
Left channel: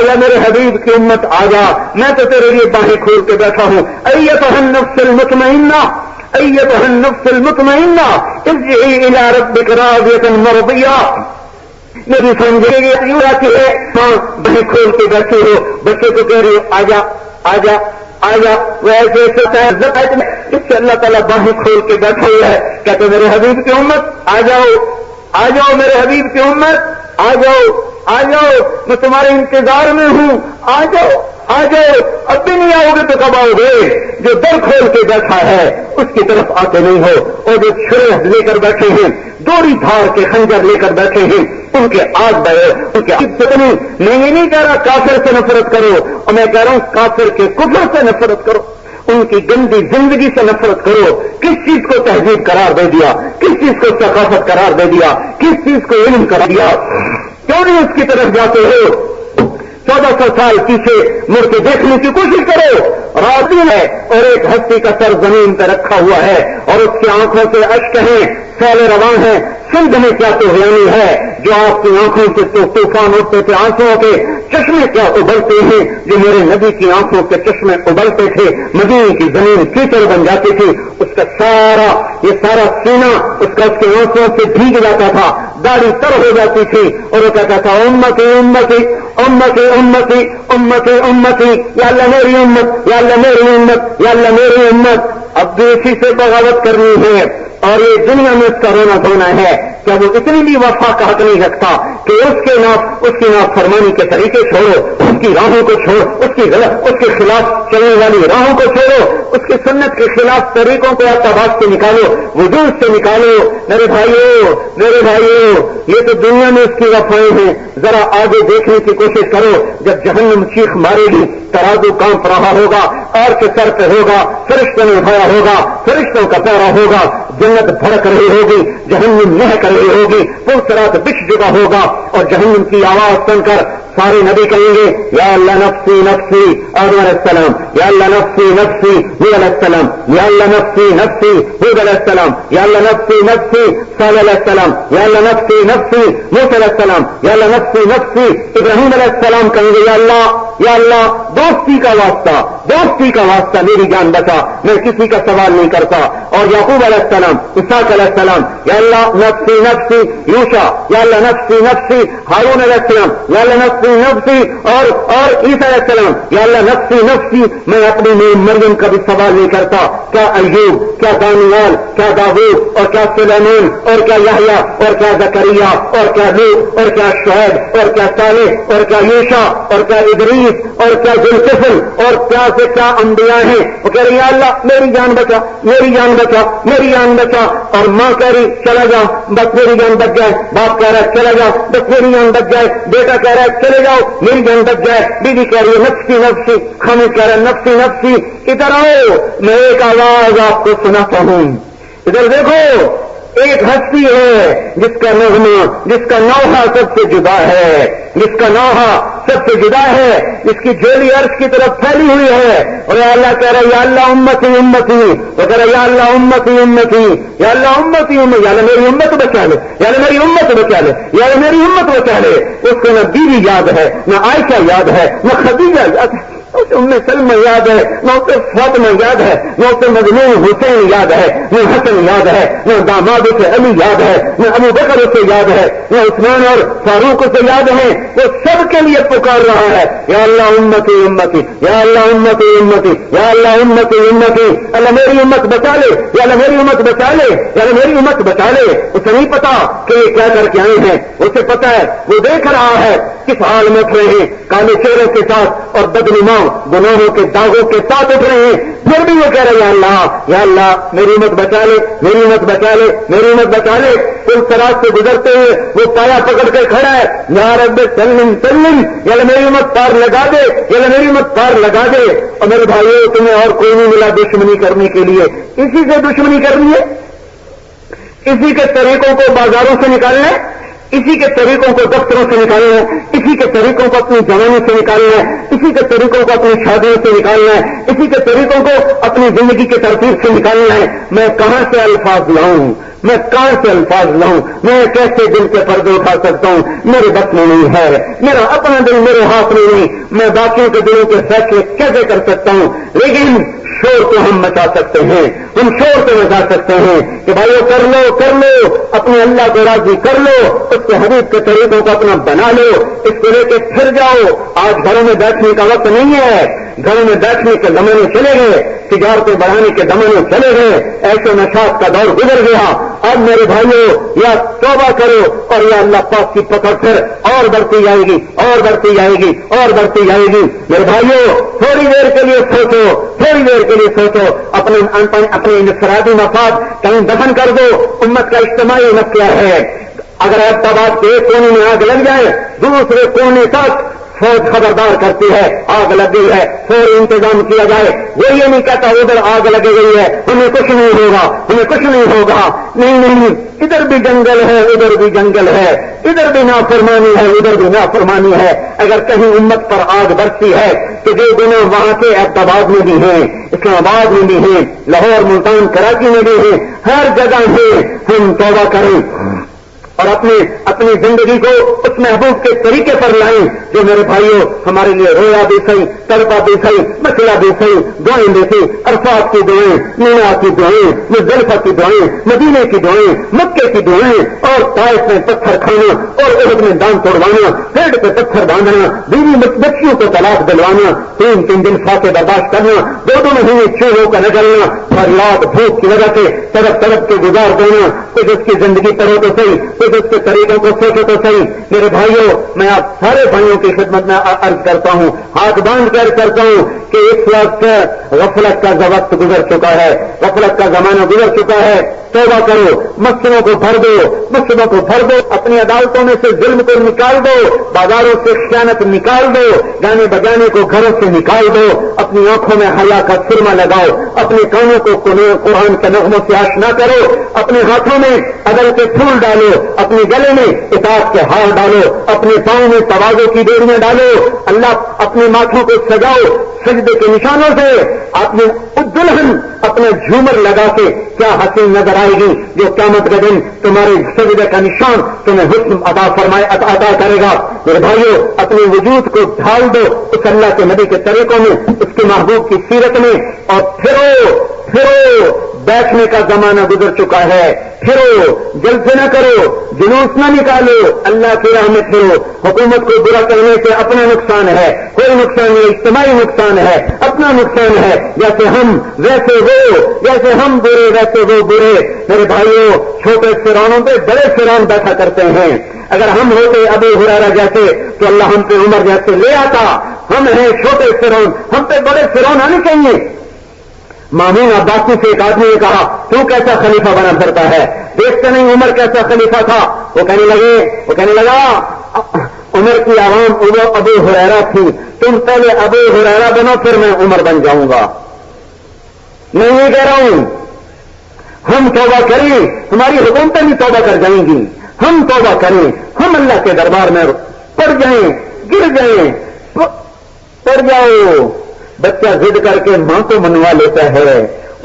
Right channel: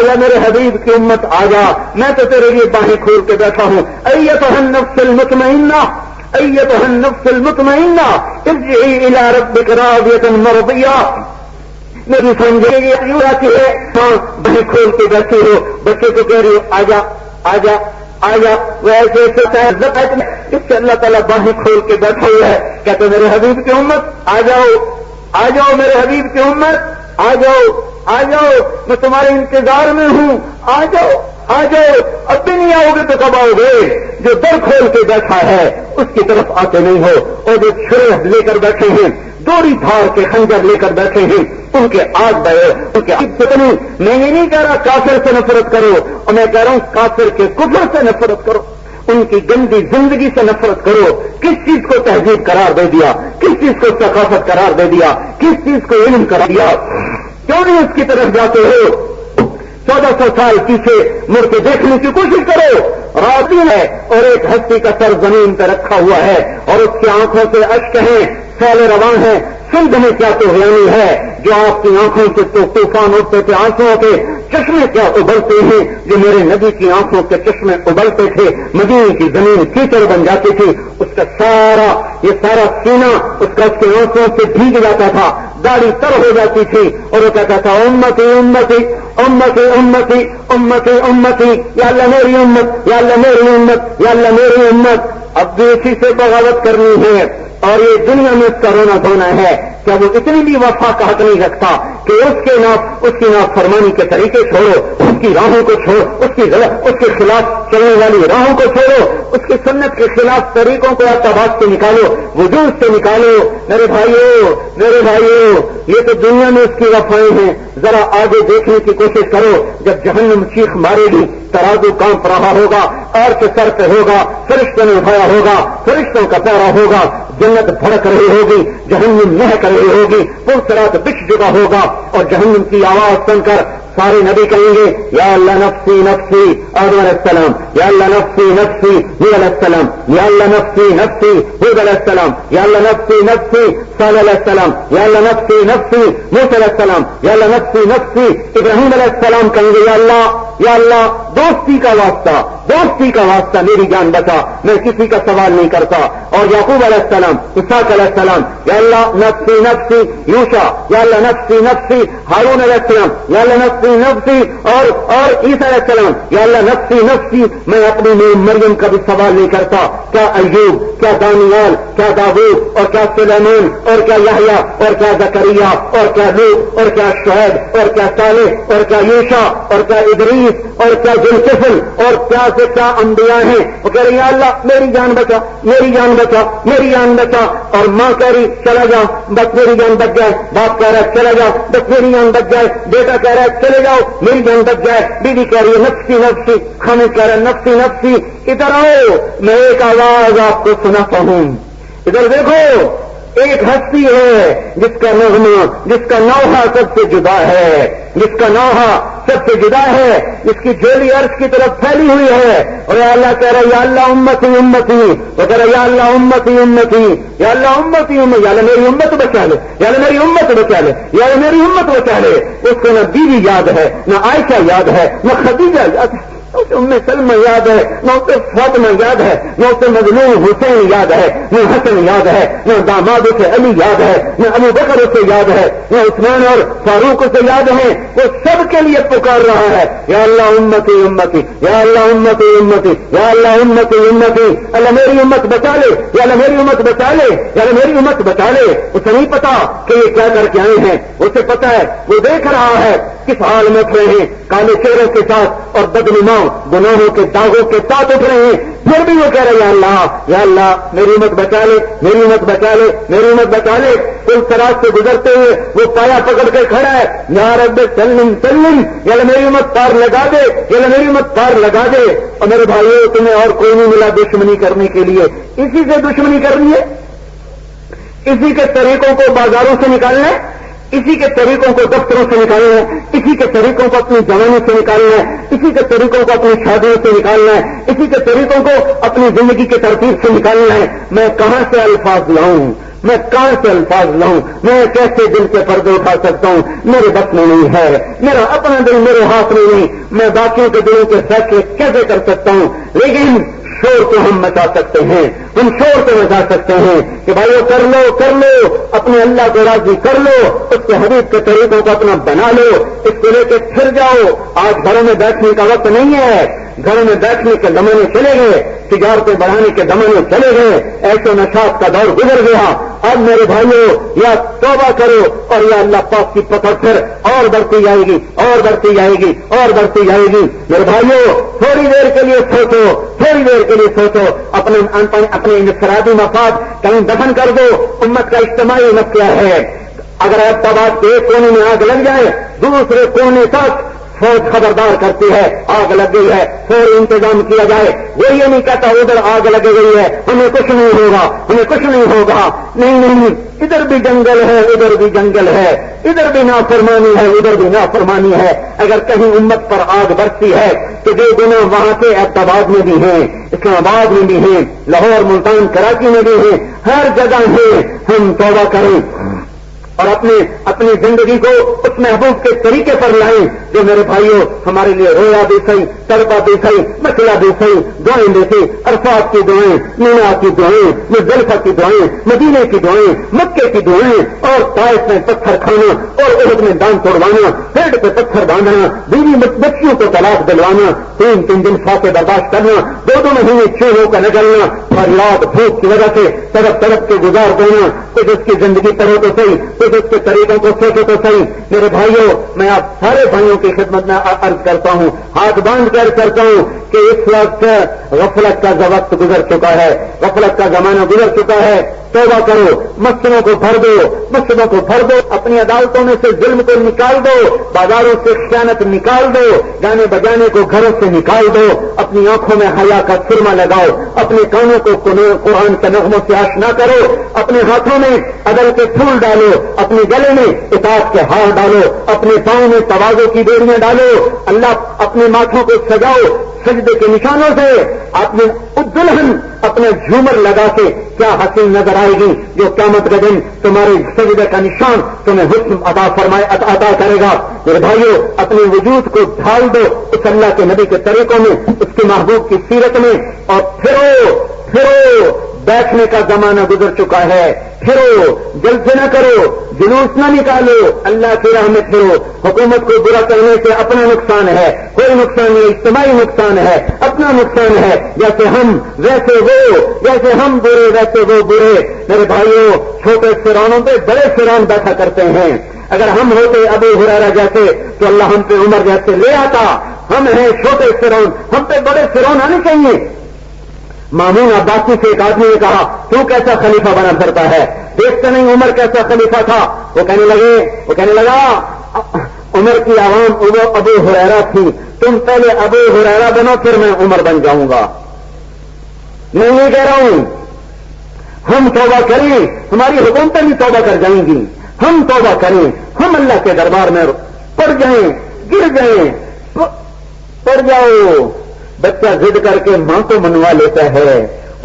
جا میرے حبیب کی امت آ جا، میں تو تیرے لیے باہیں کھول کے بیٹھا ہوں. ایتھا النفس المطمئنہ، ایتھا النفس المطمئنہ ارجعی الی ربک راضیۃ مرضیہ. میری سمجھے گی آتی ہے ہاں باہیں کھول کے بیٹھے ہو، بچے کو کہہ رہی آ جا آ جا آ جا. وہ ایسے اس سے اللہ تعالیٰ باہیں کھول کے بیٹھے ہوئے ہے، کہتے میرے حبیب کی امت آ جاؤ، آ جاؤ میرے حبیب کی امت آ جاؤ، آ جاؤ، میں تمہارے انتظار میں ہوں، آ جاؤ آ جاؤ. اب بھی نہیں آؤ گے تو کب آؤ گے؟ جو در کھول کے بیٹھا ہے اس کی طرف آتے نہیں ہو، اور جو چھرے لے کر بیٹھے ہیں، دوری دھار کے خنجر لے کر بیٹھے ہیں، ان کے آگ بڑے، ان کے کتنی. میں یہ نہیں کہہ رہا کافر سے نفرت کرو، اور میں کہہ رہا ہوں کافر کے کفر سے نفرت کرو، ان کی گندی زندگی سے نفرت کرو. کس چیز کو تہذیب قرار دے دیا، کس چیز کو ثقافت قرار دے دیا، کس چیز کو علم قرار دیا؟ کیوں نہیں اس کی طرف جاتے ہو؟ 1400 سال پیچھے مڑ کے دیکھنے کی کوشش کرو. رات ہے اور ایک ہستی کا سر زمین پہ رکھا ہوا ہے اور اس کی آنکھوں سے اشک ہیں، سیل رواں ہیں. سندھ میں کیا طوفانی ہے جو آپ کی آنکھوں سے تو طوفان اٹھتے تھے، آنکھوں کے چشمے کیا ابلتے ہیں جو میرے نبی کی آنکھوں کے چشمے ابلتے تھے. مدینے کی زمین کیچڑ بن جاتی تھی، اس کا سارا یہ سارا سینہ اس کا اس کی آنکھوں سے بھیگ جاتا تھا، داڑھی تر ہو جاتی تھی اور وہ کہتا تھا امتی امتی امتی امتی امتی امتی، یا اللہ میری امت، یا اللہ میری امت، یا اللہ میری امت. اب بھی اسی سے بغاوت کرنی ہے اور یہ دنیا میں اس کا رونا دھونا ہے. کیا وہ اتنی بھی وفا کا حق نہیں رکھتا کہ اس کی نافرمانی کے طریقے چھوڑو، اس کی راہوں کو چھوڑو، اس کے خلاف چلنے والی راہوں کو چھوڑو، اس کی سنت کے خلاف طریقوں کو آپ تباہ سے نکالو، وجود سے نکالو. میرے بھائیو یہ تو دنیا میں اس کی وفائیں ہیں. ذرا آگے دیکھنے کی کوشش کرو. جب جہنم چیخ مارے گی، ترازو کانپ رہا ہوگا، اور کے سر پہ ہوگا، فرشتوں نے اٹھایا ہوگا، فرشتوں کا پیرا ہوگا، جنت بھڑک رہی ہوگی، جہنم مہک رہی ہوگی، پرسرات بچ جگہ ہوگا اور جہنم کی آواز سن کر سارے نبی کہیں گے یا اللہ نفسی نفسی آدم علیہ السلام، یا اللہ نفسی نفسی نوح علیہ السلام، یا اللہ نفسی نفسی ہود علیہ السلام، یا اللہ نفسی نفسی صالح علیہ السلام، یا اللہ نفسی نفسی موسیٰ علیہ السلام، یا اللہ نفسی نفسی ابراہیم علیہ السلام. کہیں گے یا اللہ دوستی کا واسطہ میری جان بچا، میں کسی کا سوال نہیں کرتا. اور یعقوب علیہ السلام، اسحاق علیہ السلام، یا اللہ نفسی نفسی یوشع، یا اللہ نفسی نفسی ہارون علیہ السلام، یا اللہ نفسی نفسی اور عیسیٰ علیہ السلام، یا اللہ نفسی نفسی. میں اپنی مریم کا بھی سوال نہیں کرتا. کیا ایوب، کیا دانیال، کیا داؤد، اور کیا سلیمان، اور کیا یحییٰ، اور کیا زکریا، اور کیا لوط، اور کیا شعیب، اور کیا صالح، اور کیا یوشع، اور کیا ادریس، اور کیا ذوالکفل، اور کیا سے کیا انبیاء ہیں. وہ کہہ رہی ہے اللہ میری جان بچا، میری جان بچا، میری جان بچا. اور ماں کہہ رہی چلا جا بس میری جان بچ جائے، باپ کہہ رہا ہے چلا جا بس میری جان بچ جائے، بیٹا کہہ رہا ہے چلے جاؤ میری جان بچ جائے، بیوی کہہ رہی ہے نفسی نفسی، خامد کہہ رہا ہے نفسی نفسی. ادھر آؤ میں ایک آواز آپ کو سناتا ہوں. ادھر دیکھو ایک ہستی ہے جس کا نغمہ، جس کا نوحہ سب سے جدا ہے، جس کا نوحہ سب سے جدا ہے، جس کی جولی عرش کی طرف پھیلی ہوئی ہے، اور یا اللہ کہہ رہے یا اللہ امتی امتی، وہ کہہ رہے یا اللہ امتی امتی، یا اللہ امتی امتی، یا اللہ میری امت بچا لے، یا اللہ میری امت بچا لے، یا اللہ میری امت بچا لے۔ اس کو نہ بیوی یاد ہے، نہ عائشہ یاد ہے، نہ خدیجہ یاد ہے، اسے ام سلمہ یاد ہے، نہ اسے فاطمہ یاد ہے، نہ اسے مظلوم حسین یاد ہے، نہ حسن یاد ہے، نہ داماد اسے علی یاد ہے، نہ ابو بکر اسے یاد ہے، نہ عثمان اور فاروق اسے یاد ہے۔ وہ سب کے لیے پکار رہا ہے یا اللہ امتی امتی، یا اللہ امتی امتی، یا اللہ امتی امتی، اللہ میری امت بچا لے، یا اللہ میری امت بچا لے، یا اللہ میری امت بچا لے۔ اسے نہیں پتا کہ یہ کیا کر کے آئے ہیں، اسے پتا ہے، وہ دیکھ رہا ہے کس حال میں اٹھ رہے ہیں، کالے چہروں کے ساتھ اور بدنما گناہوں کے داغوں کے ساتھ اٹھ رہے ہیں، پھر بھی وہ کہہ رہے یا اللہ میری امت بچا لے، میری امت بچا لے، میری امت بچا لے۔ پل سراج سے گزرتے ہوئے وہ پایا پکڑ کے کھڑا ہے، یا رب سلم سلم، یا اللہ میری امت پار لگا دے، یا اللہ میری امت پار لگا دے۔ اور میرے بھائیوں تمہیں اور کوئی نہیں ملا دشمنی کرنے کے لیے، اسی سے دشمنی کرنی ہے، اسی کے طریقوں کو بازاروں سے نکالنا ہے، اسی کے طریقوں کو دفتروں سے نکالنا ہے، اسی کے طریقوں کو اپنی جوانی سے نکالنا ہے، اسی کے طریقوں کو اپنی شادیوں سے نکالنا ہے، اسی کے طریقوں کو اپنی زندگی کے ترتیب سے نکالنا ہے۔ میں کہاں سے الفاظ لاؤں، میں کہاں سے الفاظ لاؤں، میں کیسے دل کے پردے اٹھا سکتا ہوں، میرے بس میں نہیں ہے، میرا اپنا دل میرے ہاتھ میں نہیں، میں باقیوں کے دلوں کے فیصلے کیسے کر سکتا ہوں۔ لیکن شور کو ہم مچا سکتے ہیں، ہم شور کو مچا سکتے ہیں کہ بھائیو کر لو، اپنے اللہ کو راضی کر لو، اس کے حبیب کے طریقوں کو اپنا بنا لو، اس کو لے کے پھر جاؤ۔ آج گھروں میں بیٹھنے کا وقت نہیں ہے، گھروں میں بیٹھنے کے زمانے چلے گئے، تجارتیں بڑھانے کے زمانے چلے گئے، ایسے نشاط کا دور گزر گیا۔ اب میرے بھائیو یا توبہ کرو اور یا اللہ پاک کی پکڑ پھر اور بڑھتی جائے گی، اور بڑھتی جائے گی، اور بڑھتی جائے گی۔ میرے بھائیو تھوڑی دیر کے لیے سوچو، تھوڑی دیر کے لیے سوچو، اپنے انفرادی مفاد کہیں دفن کر دو۔ امت کا اجتماعی مت کیا ہے؟ اگر احمدآباد کے ایک کونے میں آگ لگ جائے، دوسرے کونے تک فوج خبردار کرتی ہے آگ لگ گئی ہے، فوری انتظام کیا جائے۔ وہ یہ نہیں کہتا ادھر آگ لگی گئی ہے ہمیں کچھ نہیں ہوگا، ہمیں کچھ نہیں ہوگا، نہیں، ادھر بھی جنگل ہے، ادھر بھی جنگل ہے، ادھر بھی نافرمانی ہے، ادھر بھی نافرمانی ہے۔ اگر کہیں امت پر آگ برستی ہے تو جو گناہ وہاں کے احمدآباد میں بھی ہیں، اسلام آباد میں بھی ہیں، لاہور ملتان کراچی میں بھی ہیں، ہر جگہ ہے۔ ہم توبہ کریں اور اپنی زندگی کو اس محبوب کے طریقے پر لائیں جو میرے بھائیوں ہمارے لیے رویا بھی صحیح، تڑپا بھی صحیح، مسئلہ بھی صحیح، دعائیں بھی صحیح، عرفات کی دعائیں، مینا کی دعائیں، مزدلفہ کی دعائیں، مدینے کی دعائیں، مکے کی دعائیں، اور طائف میں پتھر کھانا اور احد میں دام توڑوانا، پیڑ پہ پتھر باندھنا، بیوی بچیوں کو طلاق دلوانا، تین دن فاقے برداشت کرنا، دو مہینے چوہوں کا نکلنا، فریاد بھوک کی وجہ سے تڑپ کے گزار دینا۔ کچھ اس کی زندگی پڑھو تو صحیح، اس کے طریقوں کو سوچو تو صحیح۔ میرے بھائیوں میں آپ سارے بھائیوں کی خدمت میں عرض کرتا ہوں، ہاتھ باندھ کر کرتا ہوں کہ اس وقت غفلت کا وقت گزر چکا ہے، غفلت کا زمانہ گزر چکا ہے۔ توبہ کرو، مسئلوں کو بھر دو، مصیبتوں کو بھر دو، اپنی عدالتوں میں سے ظلم کو نکال دو، بازاروں سے خیانت نکال دو، گانے بجانے کو گھروں سے نکال دو، اپنی آنکھوں میں حیا کا سرما لگاؤ، اپنے کانوں کو قرآن کے نغموں سے آشنا کرو، اپنے ہاتھوں میں عدل کے پھول ڈالو، اپنے گلے میں اطاعت کے ہار ڈالو، اپنے پاؤں میں تواضع کی ڈوریاں ڈالو، اللہ اپنے ماتھوں کو سجاؤ سجدے کے نشانوں سے، اپنے دلہن اپنا جھومر لگا کے کیا حسین نظر آئے گی جو قیامت کے دن تمہارے سجدے کا نشان تمہیں حسن عطا کرے گا۔ میرے بھائیو اپنے وجود کو ڈھال دو اس اللہ کے نبی کے طریقوں میں، اس کے محبوب کی سیرت میں، اور پھرو بیٹھنے کا زمانہ گزر چکا ہے، پھرو جلد سے نہ کرو، جلوس نہ نکالو، اللہ کی راہ میں پھرو۔ حکومت کو برا کرنے سے اپنا نقصان ہے، کوئی نقصان نہیں، اجتماعی نقصان ہے، اپنا نقصان ہے۔ جیسے ہم ویسے وہ، جیسے ہم برے ویسے وہ برے۔ میرے بھائیوں چھوٹے فرعونوں پہ بڑے فرعون بیٹھا کرتے ہیں، اگر ہم ہوتے ابو ہریرہ جیسے تو اللہ ہم پہ عمر جیسے لے آتا۔ ہم ہیں چھوٹے فرعون، ہم پہ بڑے فرعون آنے چاہیے۔ مامون عباسی سے ایک آدمی نے کہا تو کیسا خلیفہ بنا پھرتا ہے، دیکھتے نہیں عمر کیسا خلیفہ تھا؟ وہ کہنے لگا عمر کی عوام ابو ہریرہ تھی، تم پہلے ابو ہریرہ بنو پھر میں عمر بن جاؤں گا۔ میں یہ کہہ رہا ہوں ہم توبہ کریں، ہماری حکومتیں بھی توبہ کر جائیں گی، ہم توبہ کریں، ہم اللہ کے دربار میں پڑ جائیں، گر جائیں، پڑ جاؤ۔ بچہ ضد کر کے ماں کو منوا لیتا ہے،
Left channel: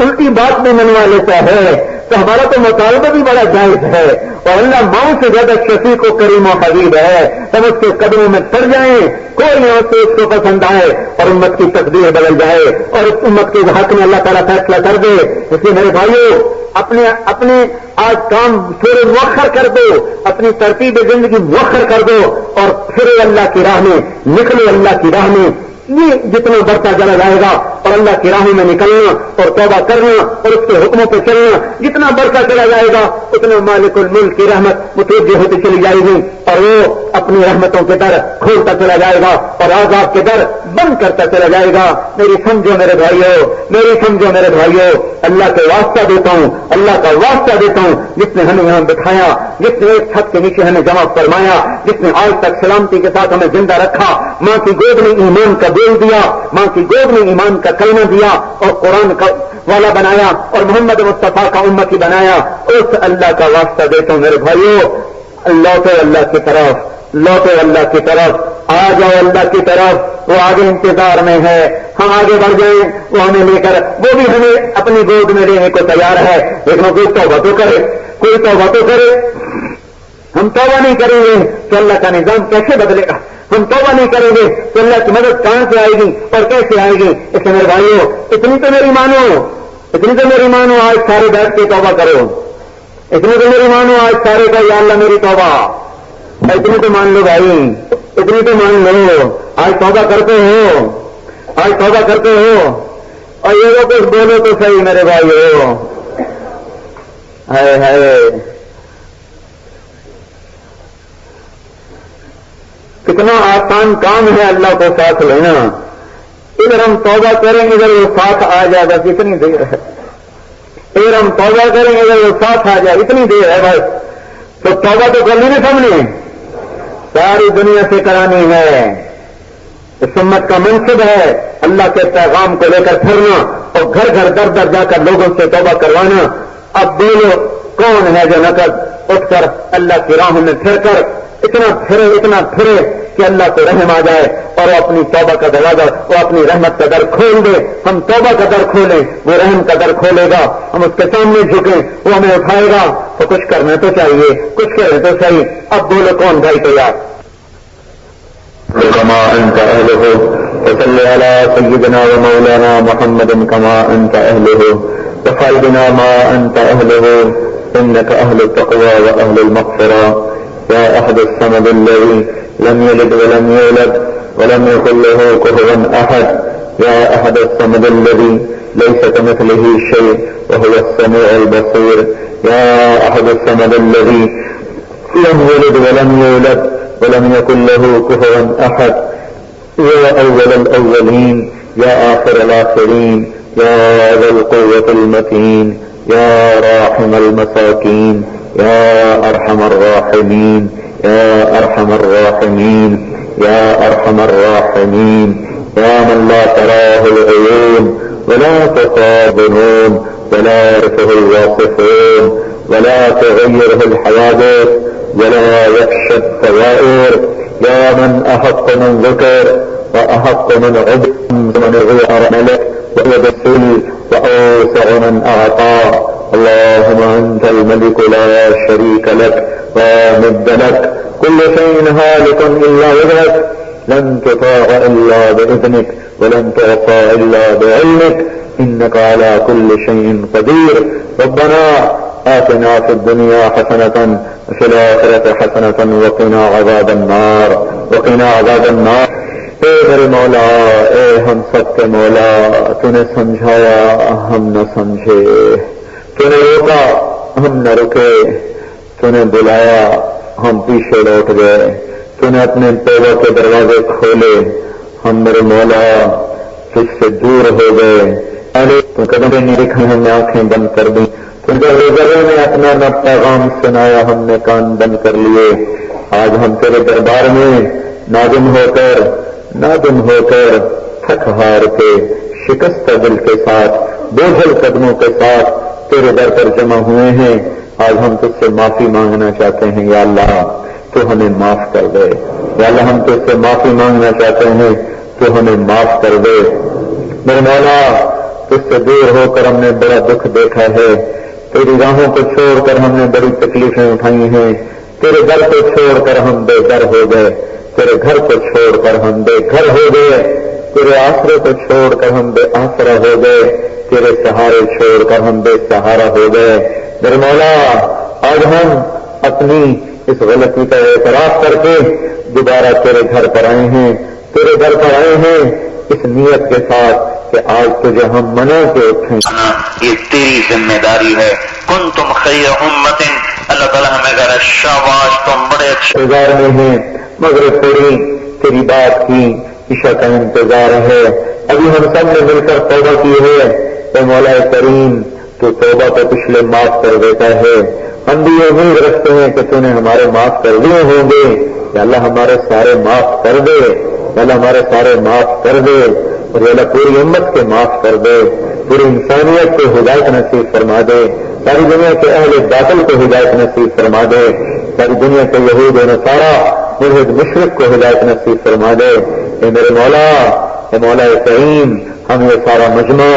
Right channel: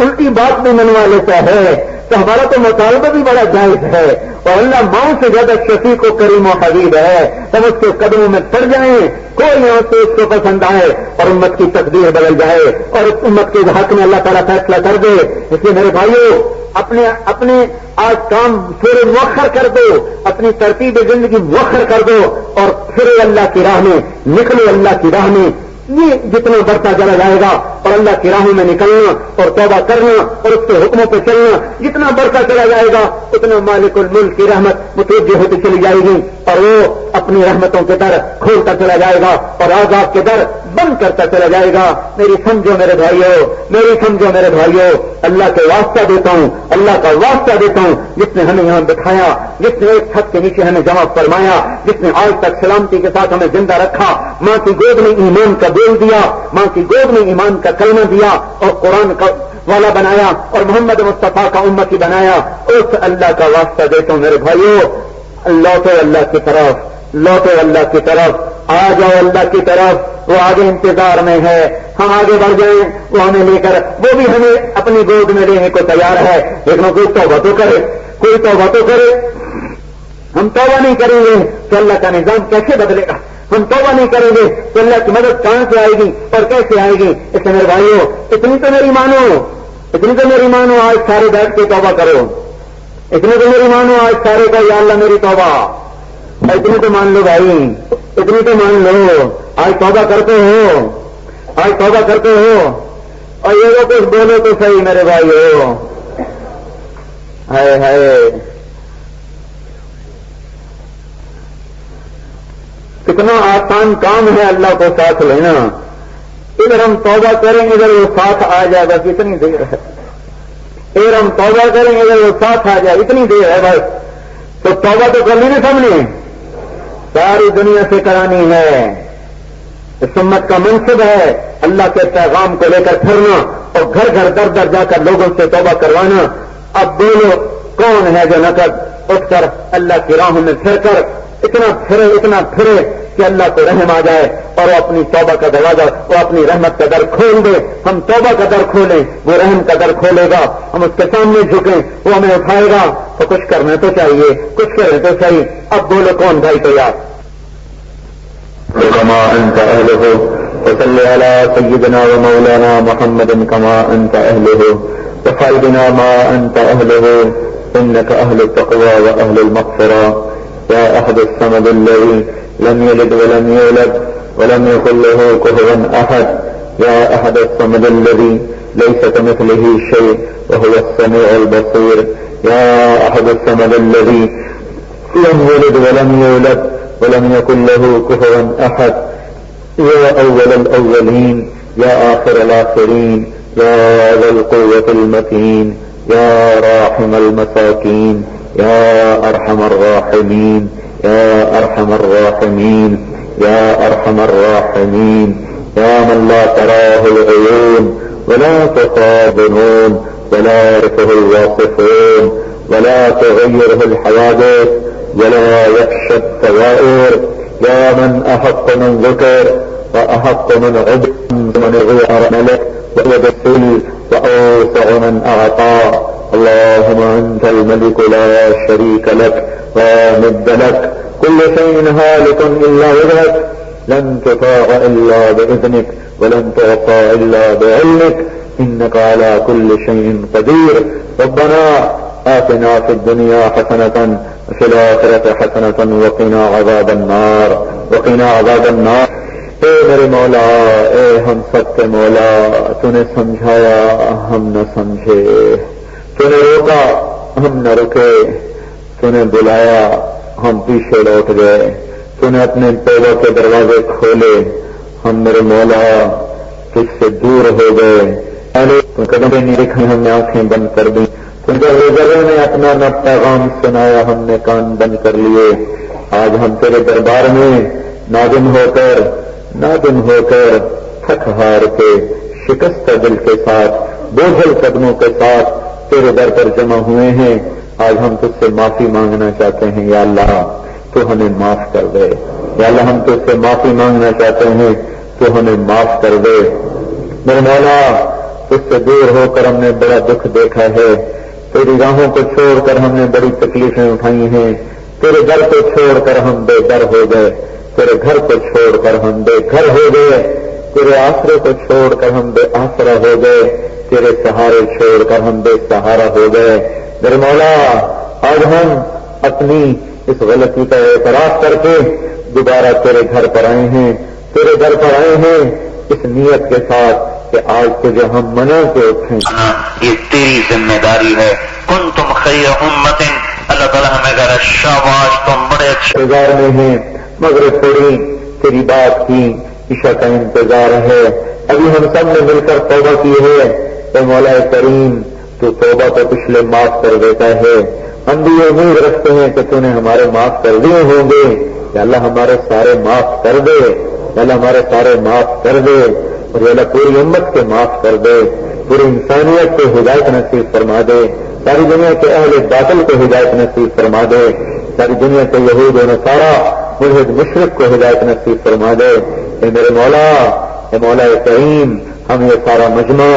الٹی بات بھی منوا لیتا ہے، تو ہمارا تو مطالبہ بھی بڑا جائز ہے، اور اللہ ماں سے زیادہ شفیق و کریم و حبیب ہے۔ ہم اس کے قدموں میں پڑ جائیں، کوئی یہاں سے اس کو پسند آئے اور امت کی تقدیر بدل جائے اور اس امت کے حق میں اللہ تعالیٰ فیصلہ کر دے۔ اس لیے میرے بھائیوں، اپنے آج کام تھوڑے مؤخر کر دو، اپنی ترتیب زندگی مؤخر کر دو اور پھر اللہ کی راہ میں نکلو، اللہ کی راہ میں یہ جتنا بڑھتا چلا جائے گا اور اللہ کی راہوں میں نکلنا اور توبہ کرنا اور اس کے حکموں پہ چلنا جتنا بڑھتا چلا جائے گا اتنا مالک الملک کی رحمت متوجہ ہوتی چلی جائے گی اور وہ اپنی رحمتوں کے در کھولتا چلا جائے گا اور عذاب کے در بند کرتا چلا جائے گا۔ میری سمجھو میرے بھائیو، میری سمجھو میرے بھائیو، اللہ کے واسطہ دیتا ہوں، اللہ کا واسطہ دیتا ہوں، جس نے ہمیں یہاں بٹھایا، جس نے ایک چھت کے نیچے ہمیں جمع فرمایا، جس نے آج تک سلامتی کے ساتھ ہمیں زندہ رکھا، ماں کی گود میں ایمان کا بول دیا، ماں کی گود میں ایمان کا کلمہ دیا اور قرآن کا والا بنایا اور محمد مصطفیٰ کا امتی بنایا، اس اللہ کا واسطہ دیتے ہیں میرے بھائیو۔ لوٹو اللہ کی طرف، لوٹو اللہ کی طرف، آ جاؤ اللہ کی طرف، وہ آگے انتظار میں ہے، ہم آگے بڑھ جائیں، وہ ہمیں لے کر، وہ بھی ہمیں اپنی گود میں لینے کو تیار ہے، لیکن کوئی توبہ تو کرے، کوئی توبہ تو کرے۔ ہم توبہ نہیں کریں گے تو اللہ کا نظام کیسے بدلے گا؟ ہم توبہ نہیں کریں گے تو اللہ کی مدد کہاں سے آئے گی اور کیسے آئے گی؟ اس میرے بھائیو، اتنی تو میری مانو، اتنی تو میری مانو، آج سارے بیٹھ کے توبہ کرو، اتنی تو میری مانو، آج سارے کا یا اللہ میری توبہ، اتنی تو مان لو بھائی، اتنی تو مان لو، آج توبہ کرتے ہو، آج توبہ کرتے ہو، اور یہ لوگ کچھ بولو تو صحیح میرے بھائیو۔ ہائے ہائے، کتنا آسان کام ہے اللہ کو ساتھ لینا، ادھر ہم توبہ کریں ادھر وہ ساتھ آ جائے گا، کتنی دیر ہے، ادھر ہم توبہ کریں ادھر وہ ساتھ آ جائے، اتنی دیر ہے بس، تو توبہ تو کرنی نہیں سب نے، ساری دنیا سے کرانی ہے۔ اس امت کا منصب ہے اللہ کے پیغام کو لے کر پھرنا اور گھر گھر در در جا کر لوگوں سے توبہ کروانا۔ اب دیکھو کون ہے جو نقد اٹھ کر اللہ کی راہوں میں پھر کر اتنا پھرے کہ اللہ کو رحم آ جائے اور وہ اپنی توبہ کا دروازہ، وہ اپنی رحمت کا در کھول دے۔ ہم توبہ کا در کھولیں، وہ رحم کا در کھولے گا، ہم اس کے سامنے جھکیں، وہ ہمیں اٹھائے گا۔ تو کچھ کرنا تو چاہیے، کچھ کریں تو صحیح۔ اب بولو کون بھائی تیار؟ كما أنت أهله وصل على سيدنا ومولانا محمد كما أنت أهله وخالدنا ما أنت أهله إنك أهل التقوى وأهل المغفرة يا أحد الصمد الذي لم يلد ولم يولد ولم يكن له كفوا أحد يا أحد الصمد الذي ليس كمثله شيء وهو السميع البصير يا أحد الصمد الذي لم يلد ولم يولد ولم يكن له كفوا أحد يا أول الأولين يا آخر الآخرين يا ذا القوة المتين يا راحم المساكين يا أرحم الراحمين يا أرحم الراحمين يا أرحم الراحمين يا من لا تراه العيون ولا تقابلون ولا يعرفه الواصفون ولا تغيره الحوادث ولا يخشى الثوائر يا من أحق من ذكر وأحق من عبد من غير ملك ويد السل وأوسع من أعطى اللهم أنت الملك لا شريك لك لا ند لك كل شيء هالك إلا وجهك لن تطاع إلا بإذنك ولن تعصى إلا بعلمك إنك على كل شيء قدير ربنا آتنا في الدنيا حسنة وفي الآخرة حسنة وقنا عذاب النار وقنا عذاب النار۔ اے میرے مولا، اے ہم سب کے مولا، تو نے سمجھایا ہم نہ سمجھے، تو نے روکا ہم نہ رکے، تو نے بلایا ہم پیچھے لوٹ گئے، تو نے اپنے توبہ کے دروازے کھولے، ہم میرے مولا تجھ سے دور ہو گئے، تو کبھی نہیں دکھا ہم نے آنکھیں بند کر دی، کیونکہ روزروں نے اپنا نہ پیغام سنایا ہم نے کان بند کر لیے۔ آج ہم تیرے دربار میں نادم ہو کر تھک ہار کے شکست دل کے ساتھ بوجھل قدموں کے ساتھ تیرے در پر جمع ہوئے ہیں، آج ہم تجھ سے معافی مانگنا چاہتے ہیں، یا اللہ تو ہمیں معاف کر دے، یا اللہ ہم تجھ سے معافی مانگنا چاہتے ہیں تو ہمیں معاف کر دے۔ میرے مولا تجھ سے دور ہو کر ہم نے بڑا دکھ دیکھا ہے، تیری راہوں کو چھوڑ کر ہم نے بڑی تکلیفیں اٹھائی ہیں، تیرے گھر کو چھوڑ کر ہم بے گھر ہو گئے، تیرے گھر کو چھوڑ کر ہم بے گھر ہو گئے، تیرے آسرے کو چھوڑ کر ہم بے آسرا ہو گئے، تیرے سہارے چھوڑ کر ہم بے سہارا ہو گئے۔ میرے مولا آج ہم اپنی اس غلطی کا اعتراف کر کے دوبارہ تیرے گھر پر آئے ہیں، تیرے گھر پر آئے ہیں اس نیت کے ساتھ کہ آج تجھے ہم منا کے اٹھیں۔ یہ تیری ذمہ داری ہے۔ کنتم خیر امت، اللہ تعالیٰ ہمیں کہا شاباش تم بڑے اچھے انتظار میں ہیں، مگر تیری بات کی عشاء کا انتظار ہے۔ ابھی ہم سب نے مل کر توبہ کی ہے، تو مولا کریم تو توبہ کو پچھلے معاف کر دیتا ہے۔ ہم بھی یہ امید رکھتے ہیں کہ تو نے ہمارے معاف کر دیے ہوں گے، کہ اللہ ہمارے سارے معاف کر دے، اللہ ہمارے سارے معاف کر دے، اور اللہ پوری امت کے معاف کر دے، پوری انسانیت کو ہدایت نصیب فرما دے، ساری دنیا کے اہل باطل کو ہدایت نصیب فرما دے، ساری دنیا کے یہود و نصارا ملحد مشرک کو ہدایت نصیب فرما دے۔ اے میرے مولا، اے مولا کریم، ہم یہ سارا مجمع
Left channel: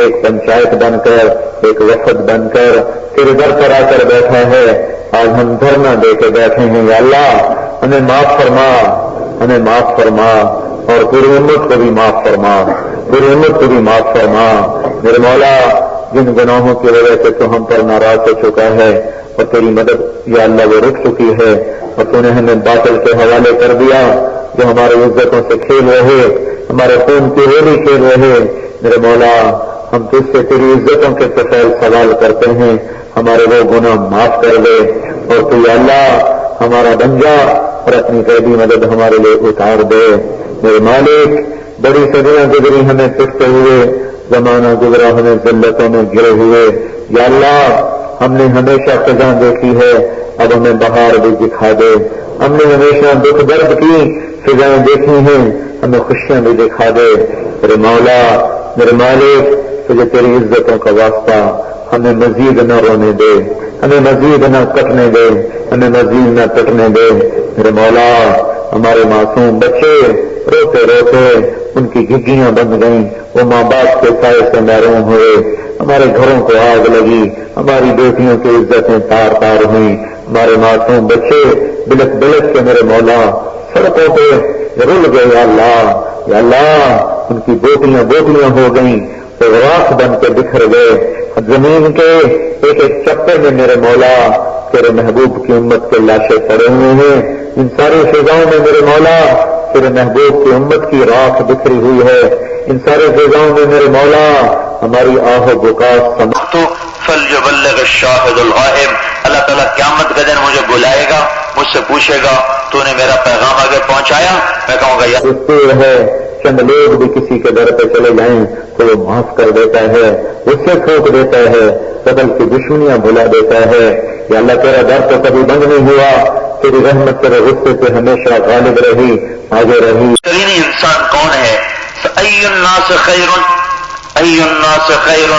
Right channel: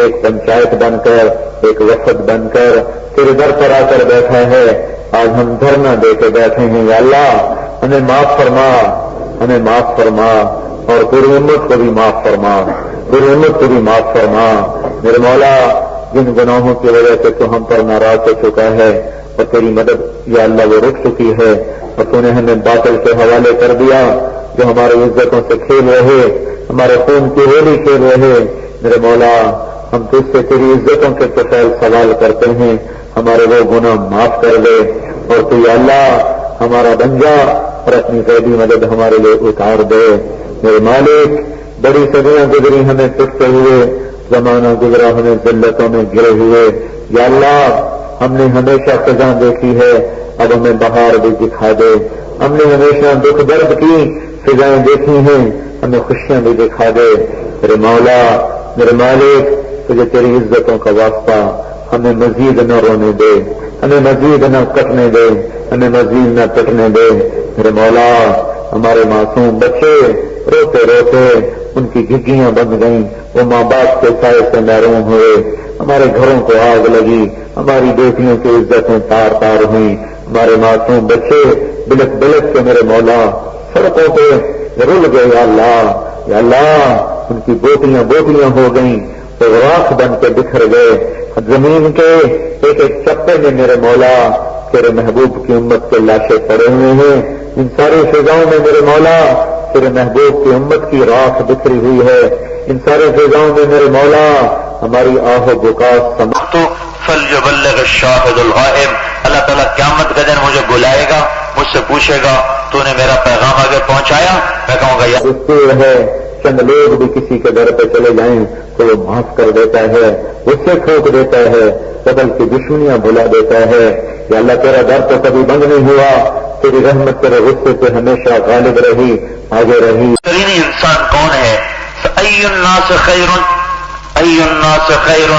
ایک پنچایت بن کر، ایک وفد بن کر تیرے در پر آ کر بیٹھا ہے، آج ہم دھرنا دے کے بیٹھے ہیں، یا اللہ ہمیں معاف فرما، ہمیں معاف فرما، اور پوری امت کو بھی معاف فرما، پوری امت کو بھی معاف فرما۔ میرے مولا جن گناہوں کی وجہ سے تو ہم پر ناراض ہو چکا ہے اور تیری مدد یا اللہ وہ رک چکی ہے، اور تو نے ہمیں باطل کے حوالے کر دیا جو ہمارے عزتوں سے کھیل رہے، ہمارے خون کی ہولی کھیل رہے، میرے مولا ہم تجھ سے تیری عزتوں کے کفیل سوال کرتے ہیں، ہمارے وہ گناہ معاف کر دے، اور تو یا اللہ ہمارا بن جا اور اپنی قیدی مدد ہمارے لیے اتار دے۔ میرے مالک بڑی صدیاں گزری ہمیں پٹتے ہوئے، زمانہ گزرا ہمیں ذلتوں میں گرے ہوئے، یا اللہ ہم نے ہمیشہ خزاں دیکھی ہے، اب ہمیں بہار بھی دکھا دے، ہم نے ہمیشہ دکھ درد کی سزائیں دیکھی ہیں، ہمیں خوشیاں بھی دکھا دے۔ میرے مولا میرے مالک تجھے تیری عزتوں کا واسطہ ہمیں مزید نہ رونے دے، ہمیں مزید نہ کٹنے دے، ہمیں مزید نہ کٹنے دے۔ میرے مولا ہمارے معصوم بچے روتے روتے ان کی گھگیاں بن گئیں، وہ ماں باپ کے سائے سے محروم ہوئے، ہمارے گھروں کو آگ لگی، ہماری بیٹیوں کی عزتیں تار تار ہوئیں، ہمارے معصوم بچے بلک بلک کے میرے مولا سڑکوں پہ رل گئے، یا اللہ یا اللہ ان کی بیٹیاں ہو گئیں، تو راکھ بن کے بکھر گئے زمین کے ایک ایک چکر میں۔ میرے مولا تیرے محبوب کی امت کے لاشیں پڑے ہوئے ہیں، ان ساری فضاؤں میں میرے مولا تیرے محبوب کی امت کی راکھ بکھری ہوئی ہے، ان سارے فضاؤں میں میرے مولا ہماری آہ و بکاس فلیبلغ الشاہد الغائب۔ اللہ تعالیٰ قیامت کا دن مجھے بلائے گا، مجھ سے پوچھے گا تو نے میرا پیغام آگے پہنچایا؟ میں کہوں گا یا ہے چند لوگ بھی کسی کے در پہ چلے جائیں تو وہ معاف کر دیتا ہے، اس سے کھوٹ دیتا ہے، بدل کی دشمنیاں بھلا دیتا ہے۔ یا اللہ تیرا در تو کبھی بند نہیں ہوا، تیری رحمت تیرے غصے سے ہمیشہ غالب رہی، آگے رہی۔ بہترین انسان کون ہے؟ ای الناس خیر، ای الناس خیر،